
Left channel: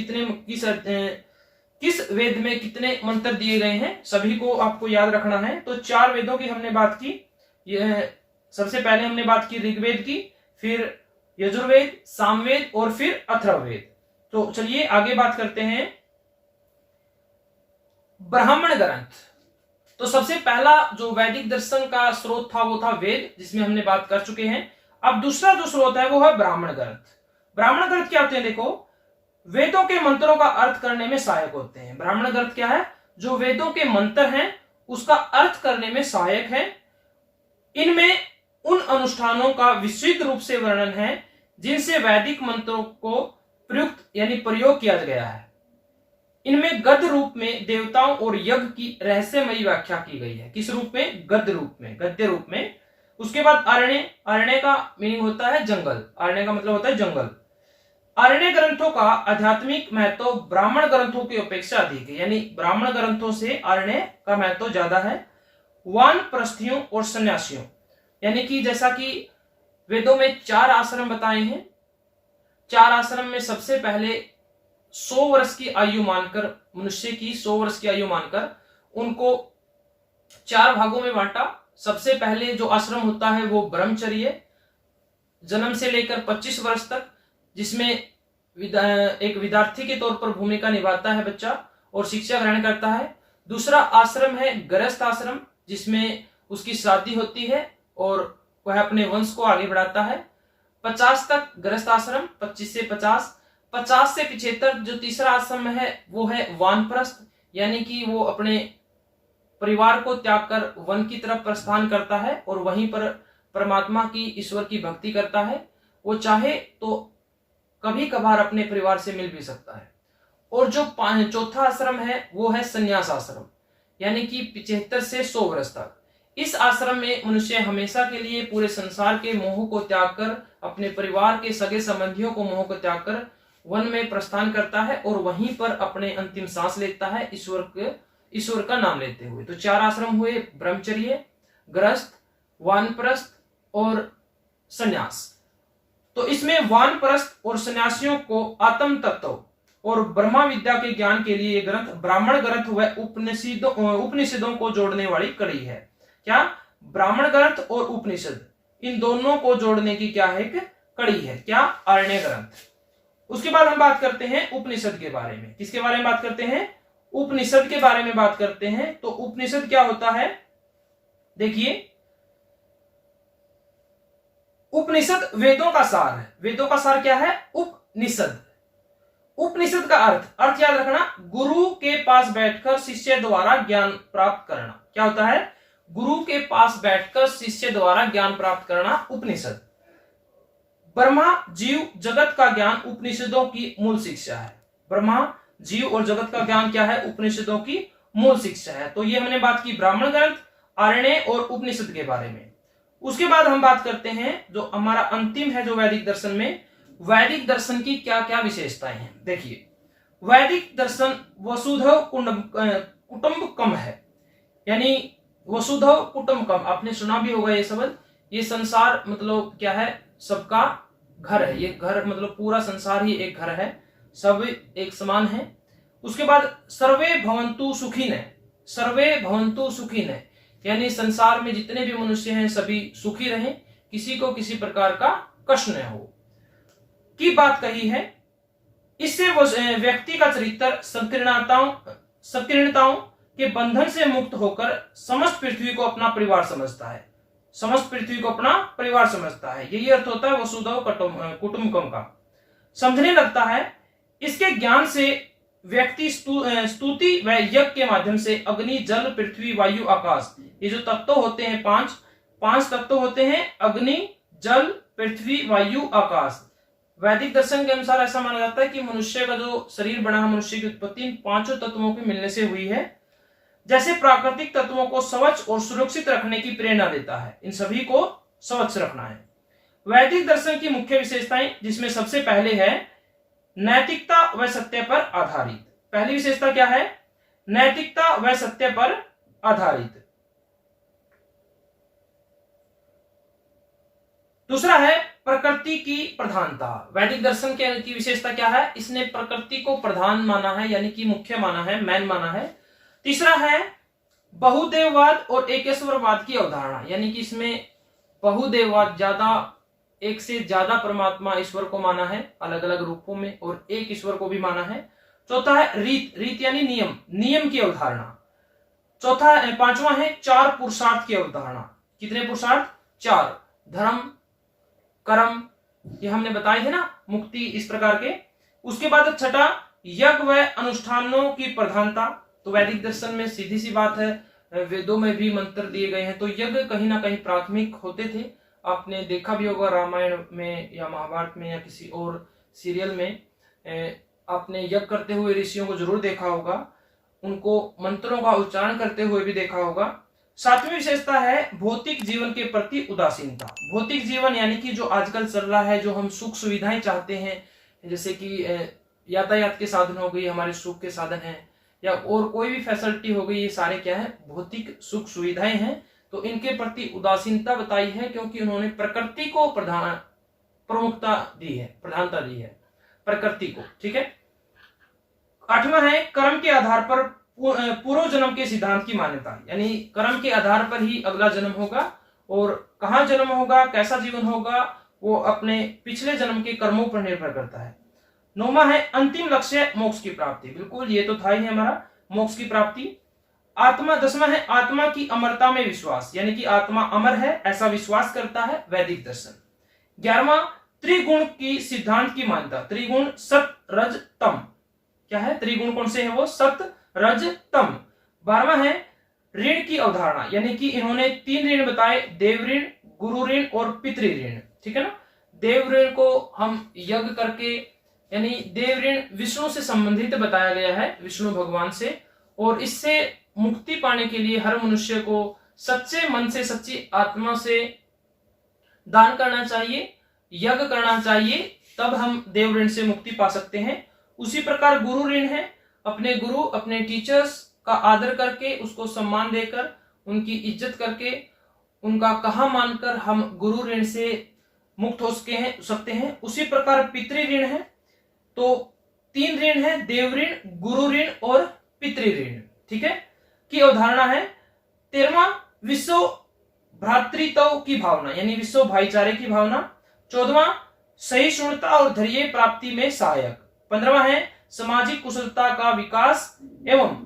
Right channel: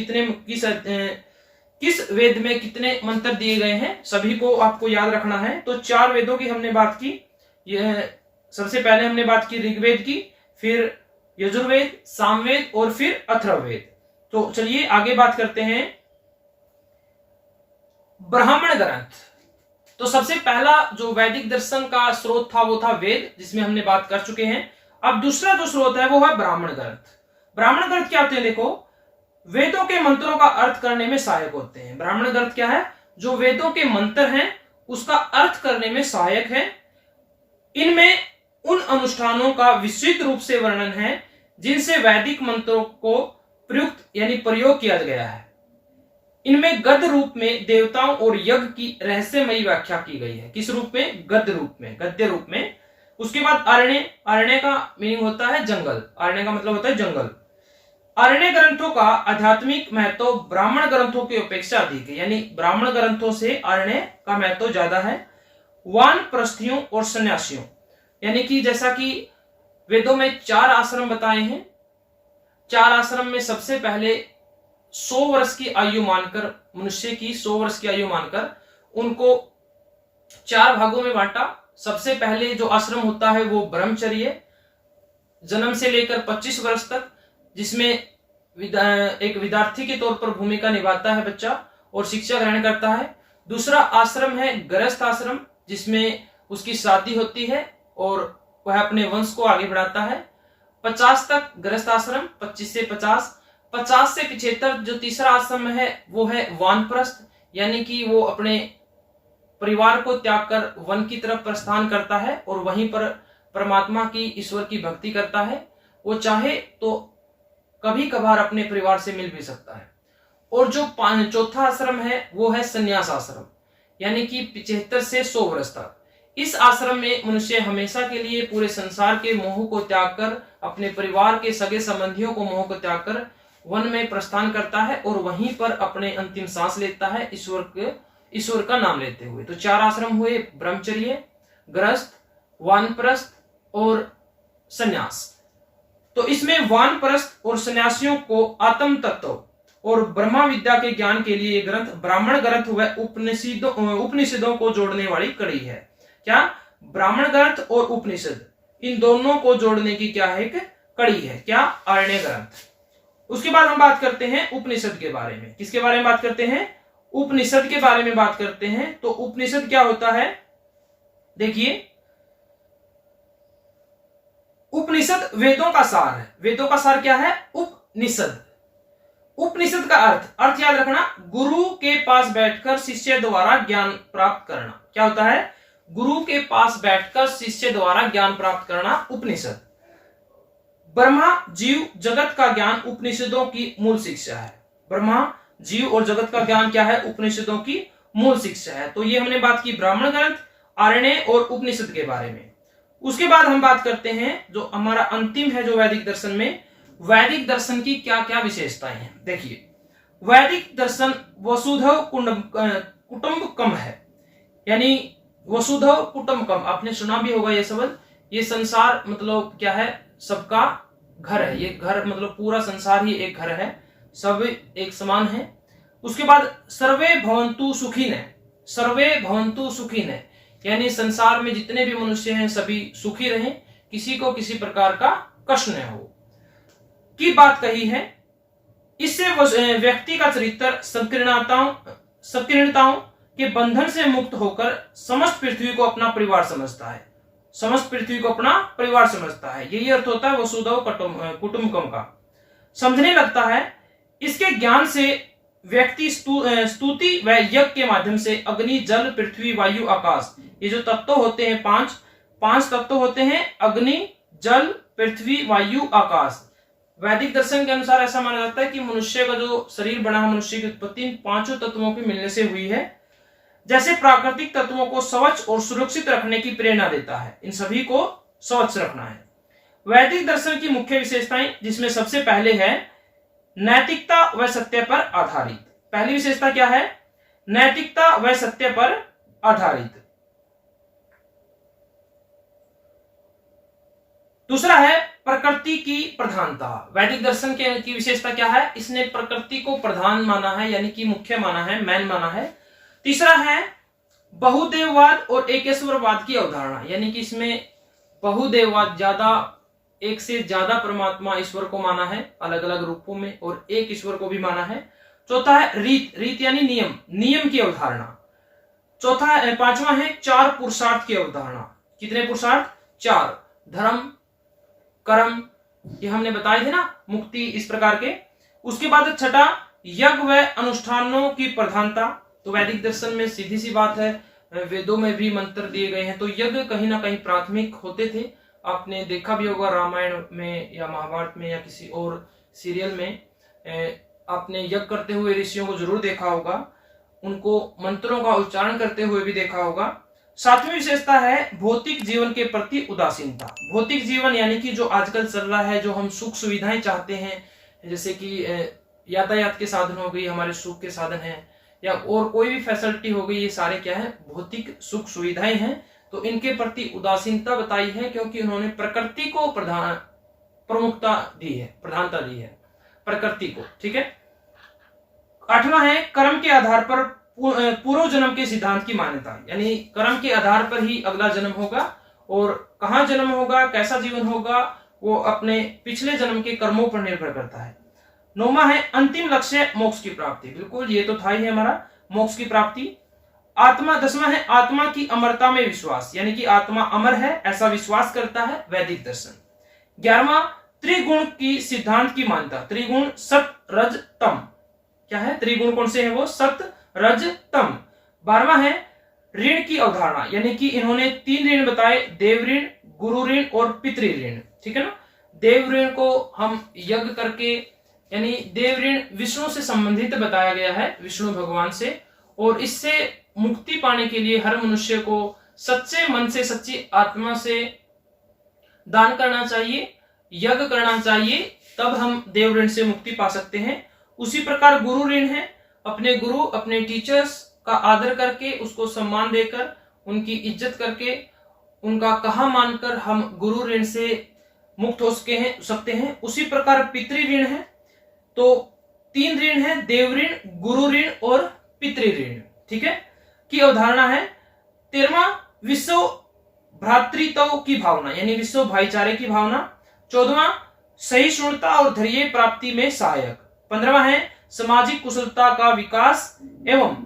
किस वेद में कितने मंत्र दिए गए हैं, सभी को आपको याद रखना है। तो 4 वेदों की हमने बात की। यह सबसे पहले हमने बात की ऋग्वेद की, फिर यजुर्वेद, सामवेद और फिर अथर्ववेद। तो चलिए आगे बात करते हैं ब्राह्मण ग्रंथ। तो सबसे पहला जो वैदिक दर्शन का स्रोत था वो था वेद, जिसमें हमने बात कर चुके हैं। अब दूसरा जो स्रोत है वो है ब्राह्मण ग्रंथ। ब्राह्मण ग्रंथ क्या होते हैं? देखो, वेदों के मंत्रों का अर्थ करने में सहायक होते हैं। ब्राह्मण ग्रंथ क्या है? जो वेदों के मंत्र हैं उसका अर्थ करने में सहायक है। इनमें उन अनुष्ठानों का विस्तृत रूप से वर्णन है जिनसे वैदिक मंत्रों को प्रयुक्त यानी प्रयोग किया गया है। इनमें गद्य रूप में देवताओं और यज्ञ की रहस्यमयी व्याख्या की गई है। किस रूप में? गद्य रूप में, गद्य रूप में। उसके बाद अरण्य, अरण्य का मीनिंग होता है जंगल, अरण्य का मतलब होता है जंगल। अरण्य ग्रंथों का आध्यात्मिक महत्व ब्राह्मण ग्रंथों की अपेक्षा अधिक है, यानी ब्राह्मण ग्रंथों से अरण्य का महत्व ज्यादा है। वानप्रस्थियों और सन्यासियों, यानी कि जैसा कि वेदों में 4 आश्रम बताए हैं, 4 आश्रम में सबसे पहले 100 वर्ष की आयु मानकर, मनुष्य की 100 वर्ष की आयु मानकर उनको 4 भागों में बांटा। सबसे पहले जो आश्रम होता है वो ब्रह्मचर्य, जन्म से लेकर 25 वर्ष तक, जिसमें एक विद्यार्थी के तौर पर भूमिका निभाता है बच्चा और शिक्षा ग्रहण करता है। दूसरा आश्रम है गृहस्थ आश्रम, जिसमें उसकी शादी होती है और वह अपने वंश को आगे बढ़ाता है। 50 तक गृहस्थ आश्रम, 25 से 50, 50 से 75 जो तीसरा आश्रम है वो है वानप्रस्थ, यानी कि वो अपने परिवार को त्याग कर वन की तरफ प्रस्थान करता है और वहीं पर परमात्मा की, ईश्वर की भक्ति करता है। वो चाहे तो कभी कभार अपने परिवार से मिल भी सकता है। और जो चौथा आश्रम है वो है संन्यास आश्रम, यानी कि 75 से 100 वर्ष तक। इस आश्रम में मनुष्य हमेशा के लिए पूरे संसार के मोह को त्याग कर, अपने परिवार के सगे संबंधियों को मोह को त्याग कर वन में प्रस्थान करता है और वहीं पर अपने अंतिम सांस लेता है ईश्वर का नाम लेते हुए। तो 4 आश्रम हुए, ब्रह्मचर्य, गृहस्थ, वानप्रस्थ और संन्यास। तो इसमें वानप्रस्थ और सन्यासियों को आत्म तत्व और ब्रह्मा विद्या के ज्ञान के लिए ये ग्रंथ ब्राह्मण ग्रंथ व उपनिषदों को जोड़ने वाली कड़ी है। क्या? ब्राह्मण ग्रंथ और उपनिषद, इन दोनों को जोड़ने की क्या है? एक कड़ी है। क्या? अरण्य ग्रंथ। उसके बाद हम बात करते हैं उपनिषद के बारे में। किसके बारे में बात करते हैं? उपनिषद के बारे में बात करते हैं। तो उपनिषद क्या होता है? देखिए, उपनिषद वेदों का सार है। वेदों का सार क्या है? उपनिषद। उपनिषद का अर्थ याद रखना, गुरु के पास बैठकर शिष्य द्वारा ज्ञान प्राप्त करना। क्या होता है? गुरु के पास बैठकर शिष्य द्वारा ज्ञान प्राप्त करना उपनिषद। ब्रह्मा, जीव, जगत का ज्ञान उपनिषदों की मूल शिक्षा है। ब्रह्मा, जीव और जगत का ज्ञान क्या है? उपनिषदों की मूल शिक्षा है। तो ये हमने बात की ब्राह्मण ग्रंथ, अरण्य और उपनिषद के बारे में। उसके बाद हम बात करते हैं जो हमारा अंतिम है, जो वैदिक दर्शन में, वैदिक दर्शन की क्या क्या विशेषताएं हैं। देखिए, वैदिक दर्शन वसुधैव कुटुंबकम है, यानी वसुधैव कुटुंबकम, आपने सुना भी होगा ये शब्द। ये संसार मतलब क्या है? सबका घर है। ये घर मतलब पूरा संसार ही एक घर है, सब एक समान है। उसके बाद सर्वे भवन्तु सुखिनः, सर्वे भवन्तु सुखिनः, यानी संसार में जितने भी मनुष्य हैं सभी सुखी रहें, किसी को किसी प्रकार का कष्ट न हो की बात कही है। इससे व्यक्ति का चरित्र संकीर्णताओं के बंधन से मुक्त होकर समस्त पृथ्वी को अपना परिवार समझता है। समस्त पृथ्वी को अपना परिवार समझता है, यही अर्थ होता है वसुधैव कुटुंबकम का। समझने लगता है। इसके ज्ञान से व्यक्ति स्तुति व यज्ञ के माध्यम से अग्नि, जल, पृथ्वी, वायु, आकाश, ये जो तत्व होते हैं, पांच तत्व होते हैं, अग्नि, जल, पृथ्वी, वायु, आकाश। वैदिक दर्शन के अनुसार ऐसा माना जाता है कि मनुष्य का जो शरीर बना है, मनुष्य की उत्पत्ति इन 5 तत्वों के मिलने से हुई है। जैसे प्राकृतिक तत्वों को स्वच्छ और सुरक्षित रखने की प्रेरणा देता है, इन सभी को स्वच्छ रखना है। वैदिक दर्शन की मुख्य विशेषताएं, जिसमें सबसे पहले है नैतिकता व सत्य पर आधारित। पहली विशेषता क्या है? नैतिकता व सत्य पर आधारित। दूसरा है प्रकृति की प्रधानता। वैदिक दर्शन की विशेषता क्या है? इसने प्रकृति को प्रधान माना है, यानी कि मुख्य माना है, मैन माना है। तीसरा है बहुदेववाद और एकेश्वरवाद की अवधारणा, यानी कि इसमें बहुदेववाद, ज्यादा, एक से ज्यादा परमात्मा ईश्वर को माना है अलग अलग रूपों में, और एक ईश्वर को भी माना है। चौथा है रीत यानी नियम की अवधारणा। पांचवा है 4 पुरुषार्थ की अवधारणा। कितने पुरुषार्थ? 4। धर्म, कर्म, ये हमने बताए थे ना, मुक्ति, इस प्रकार के। उसके बाद छठा यज्ञ व अनुष्ठानों की प्रधानता। तो वैदिक दर्शन में सीधी सी बात है, वेदों में भी मंत्र दिए गए हैं। तो यज्ञ कहीं ना कहीं प्राथमिक होते थे। आपने देखा भी होगा रामायण में या महाभारत में या किसी और सीरियल में आपने यज्ञ करते हुए ऋषियों को जरूर देखा होगा, उनको मंत्रों का उच्चारण करते हुए भी देखा होगा। सातवीं विशेषता है भौतिक जीवन के प्रति उदासीनता। भौतिक जीवन यानी कि जो आजकल चल रहा है, जो हम सुख सुविधाएं चाहते हैं, जैसे कि यातायात के साधन हो गई, हमारे सुख के साधन हैं, या और कोई भी फैसिलिटी हो गई, ये सारे क्या है, भौतिक सुख सुविधाएं हैं। तो इनके प्रति उदासीनता बताई है, क्योंकि उन्होंने प्रकृति को प्रमुखता दी है, प्रधानता दी है प्रकृति को। ठीक है। आठवां है कर्म के आधार पर पूर्व जन्म के सिद्धांत की मान्यता, यानी कर्म के आधार पर ही अगला जन्म होगा, और कहाँ जन्म होगा, कैसा जीवन होगा, वो अपने पिछले जन्म के कर्मों पर निर्भर करता है। नौवां है अंतिम लक्ष्य मोक्ष की प्राप्ति। बिल्कुल, ये तो था ही हमारा मोक्ष की प्राप्ति। आत्मा, 10वां है आत्मा की अमरता में विश्वास, यानी कि आत्मा अमर है ऐसा विश्वास करता है वैदिक दर्शन। 11वां त्रिगुण की सिद्धांत की मान्यता। त्रिगुण सत रज तम, क्या है, त्रिगुण कौन से है वो, सत रज तम। 12वां है ऋण की अवधारणा, यानी कि इन्होंने 3 ऋण बताए, देव ऋण, गुरु ऋण और पितृ ऋण। ठीक है ना। देव ऋण को हम यज्ञ करके, यानी देव ऋण विष्णु से संबंधित बताया गया है, विष्णु भगवान से, और इससे मुक्ति पाने के लिए हर मनुष्य को सच्चे मन से, सच्ची आत्मा से दान करना चाहिए, यज्ञ करना चाहिए, तब हम देव ऋण से मुक्ति पा सकते हैं। उसी प्रकार गुरु ऋण है, अपने गुरु, अपने टीचर्स का आदर करके, उसको सम्मान देकर, उनकी इज्जत करके, उनका कहा मानकर हम गुरु ऋण से मुक्त हो सकते हैं। उसी प्रकार पितृ ऋण है, तो 3 ऋण है, देव ऋण, गुरु ऋण और पितृ ऋण। ठीक है, की अवधारणा है। 13वां विश्व भ्रातृत्व की भावना, यानी विश्व भाईचारे की भावना। 14वां सहिष्णुता और धैर्य प्राप्ति में सहायक। 15वां है सामाजिक कुशलता का विकास एवं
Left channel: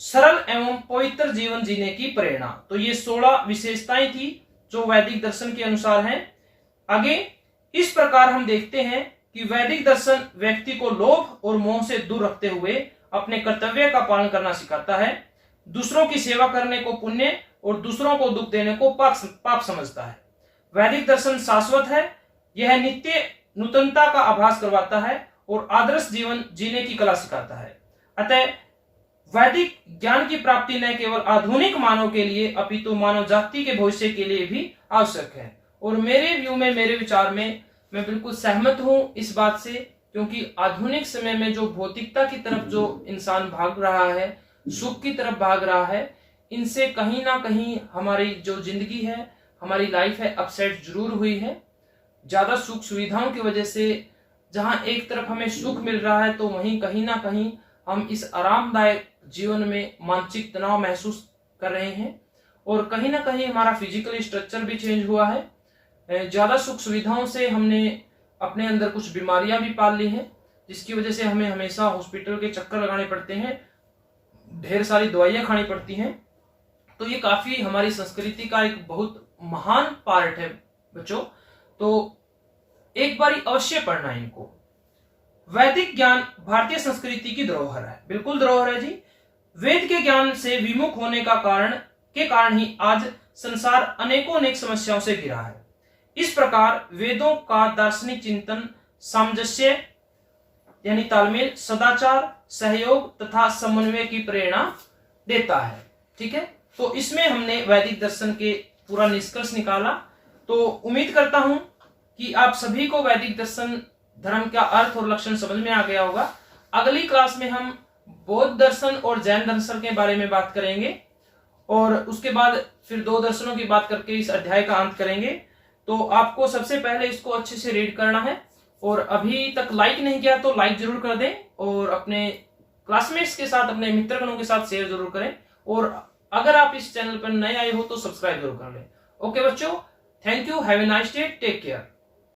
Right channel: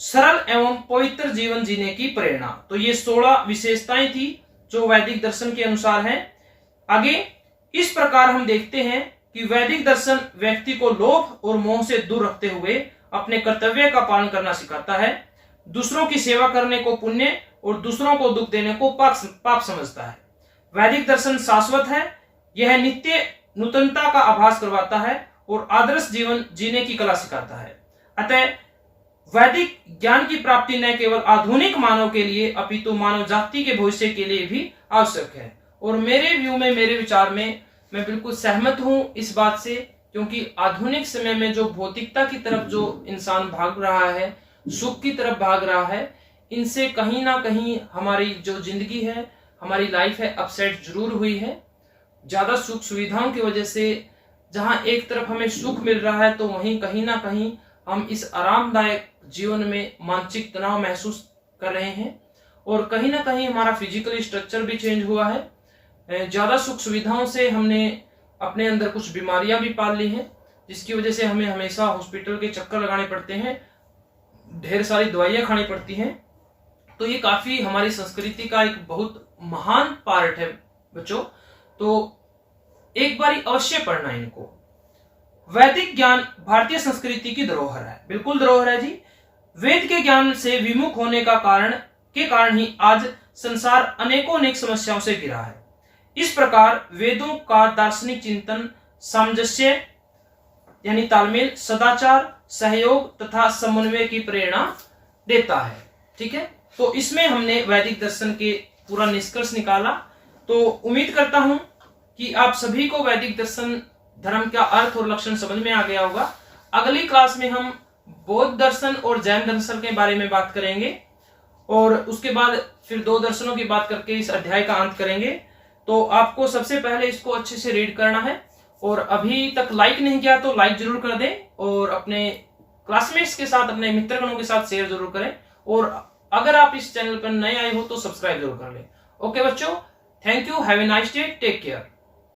सरल एवं पवित्र जीवन जीने की प्रेरणा। तो ये 16 विशेषताएं थी जो वैदिक दर्शन के अनुसार हैं। आगे इस प्रकार हम देखते हैं कि वैदिक दर्शन व्यक्ति को लोभ और मोह से दूर रखते हुए अपने कर्तव्य का पालन करना सिखाता है, दूसरों की सेवा करने को पुण्य और दूसरों को दुख देने को पाप समझता है। वैदिक दर्शन शाश्वत है, यह नित्य नूतनता का आभास करवाता है और आदर्श जीवन जीने की कला सिखाता है। अतः वैदिक ज्ञान की प्राप्ति न केवल आधुनिक मानव के लिए अपितु मानव जाति के भविष्य के लिए भी आवश्यक है। और मेरे व्यू में, मेरे विचार में मैं बिल्कुल सहमत हूं इस बात से, क्योंकि आधुनिक समय में जो भौतिकता की तरफ जो इंसान भाग रहा है, सुख की तरफ भाग रहा है, इनसे कहीं ना कहीं हमारी जो जिंदगी है, हमारी लाइफ है, अपसेट जरूर हुई है। ज्यादा सुख सुविधाओं की वजह से जहां एक तरफ हमें सुख मिल रहा है, तो वहीं कहीं ना कहीं हम इस आरामदायक जीवन में मानसिक तनाव महसूस कर रहे हैं, और कहीं ना कहीं हमारा फिजिकल स्ट्रक्चर भी चेंज हुआ है। ज्यादा सुख सुविधाओं से हमने अपने अंदर कुछ बीमारियां भी पाल ली हैं, जिसकी वजह से हमें हमेशा हॉस्पिटल के चक्कर लगाने पड़ते हैं, ढेर सारी दवाइयां खानी पड़ती हैं। तो ये काफी हमारी संस्कृति का एक बहुत महान पार्ट है बच्चों, तो एक बार अवश्य पढ़ना इनको। वैदिक ज्ञान भारतीय संस्कृति की धरोहर है। बिल्कुल धरोहर है जी। वेद के ज्ञान से विमुख होने का कारण ही आज संसार अनेक समस्याओं से घिरा है। इस प्रकार वेदों का दार्शनिक चिंतन सामंजस्य यानी तालमेल, सदाचार, सहयोग तथा समन्वय की प्रेरणा देता है। ठीक है, तो इसमें हमने वैदिक दर्शन के पूरा निष्कर्ष निकाला। तो उम्मीद करता हूं कि आप सभी को वैदिक दर्शन धर्म का अर्थ और लक्षण समझ में आ गया होगा। अगली क्लास में हम बौद्ध दर्शन और जैन दर्शन के बारे में बात करेंगे, और उसके बाद फिर 2 दर्शनों की बात करके इस अध्याय का अंत करेंगे। तो आपको सबसे पहले इसको अच्छे से रीड करना है, और अभी तक लाइक नहीं किया तो लाइक जरूर कर दें, और अपने क्लासमेट्स के साथ, अपने मित्रगणों के साथ शेयर जरूर करें, और अगर आप इस चैनल पर नए आए हो तो सब्सक्राइब जरूर कर लें। ओके बच्चों, thank you, have a nice day, take care.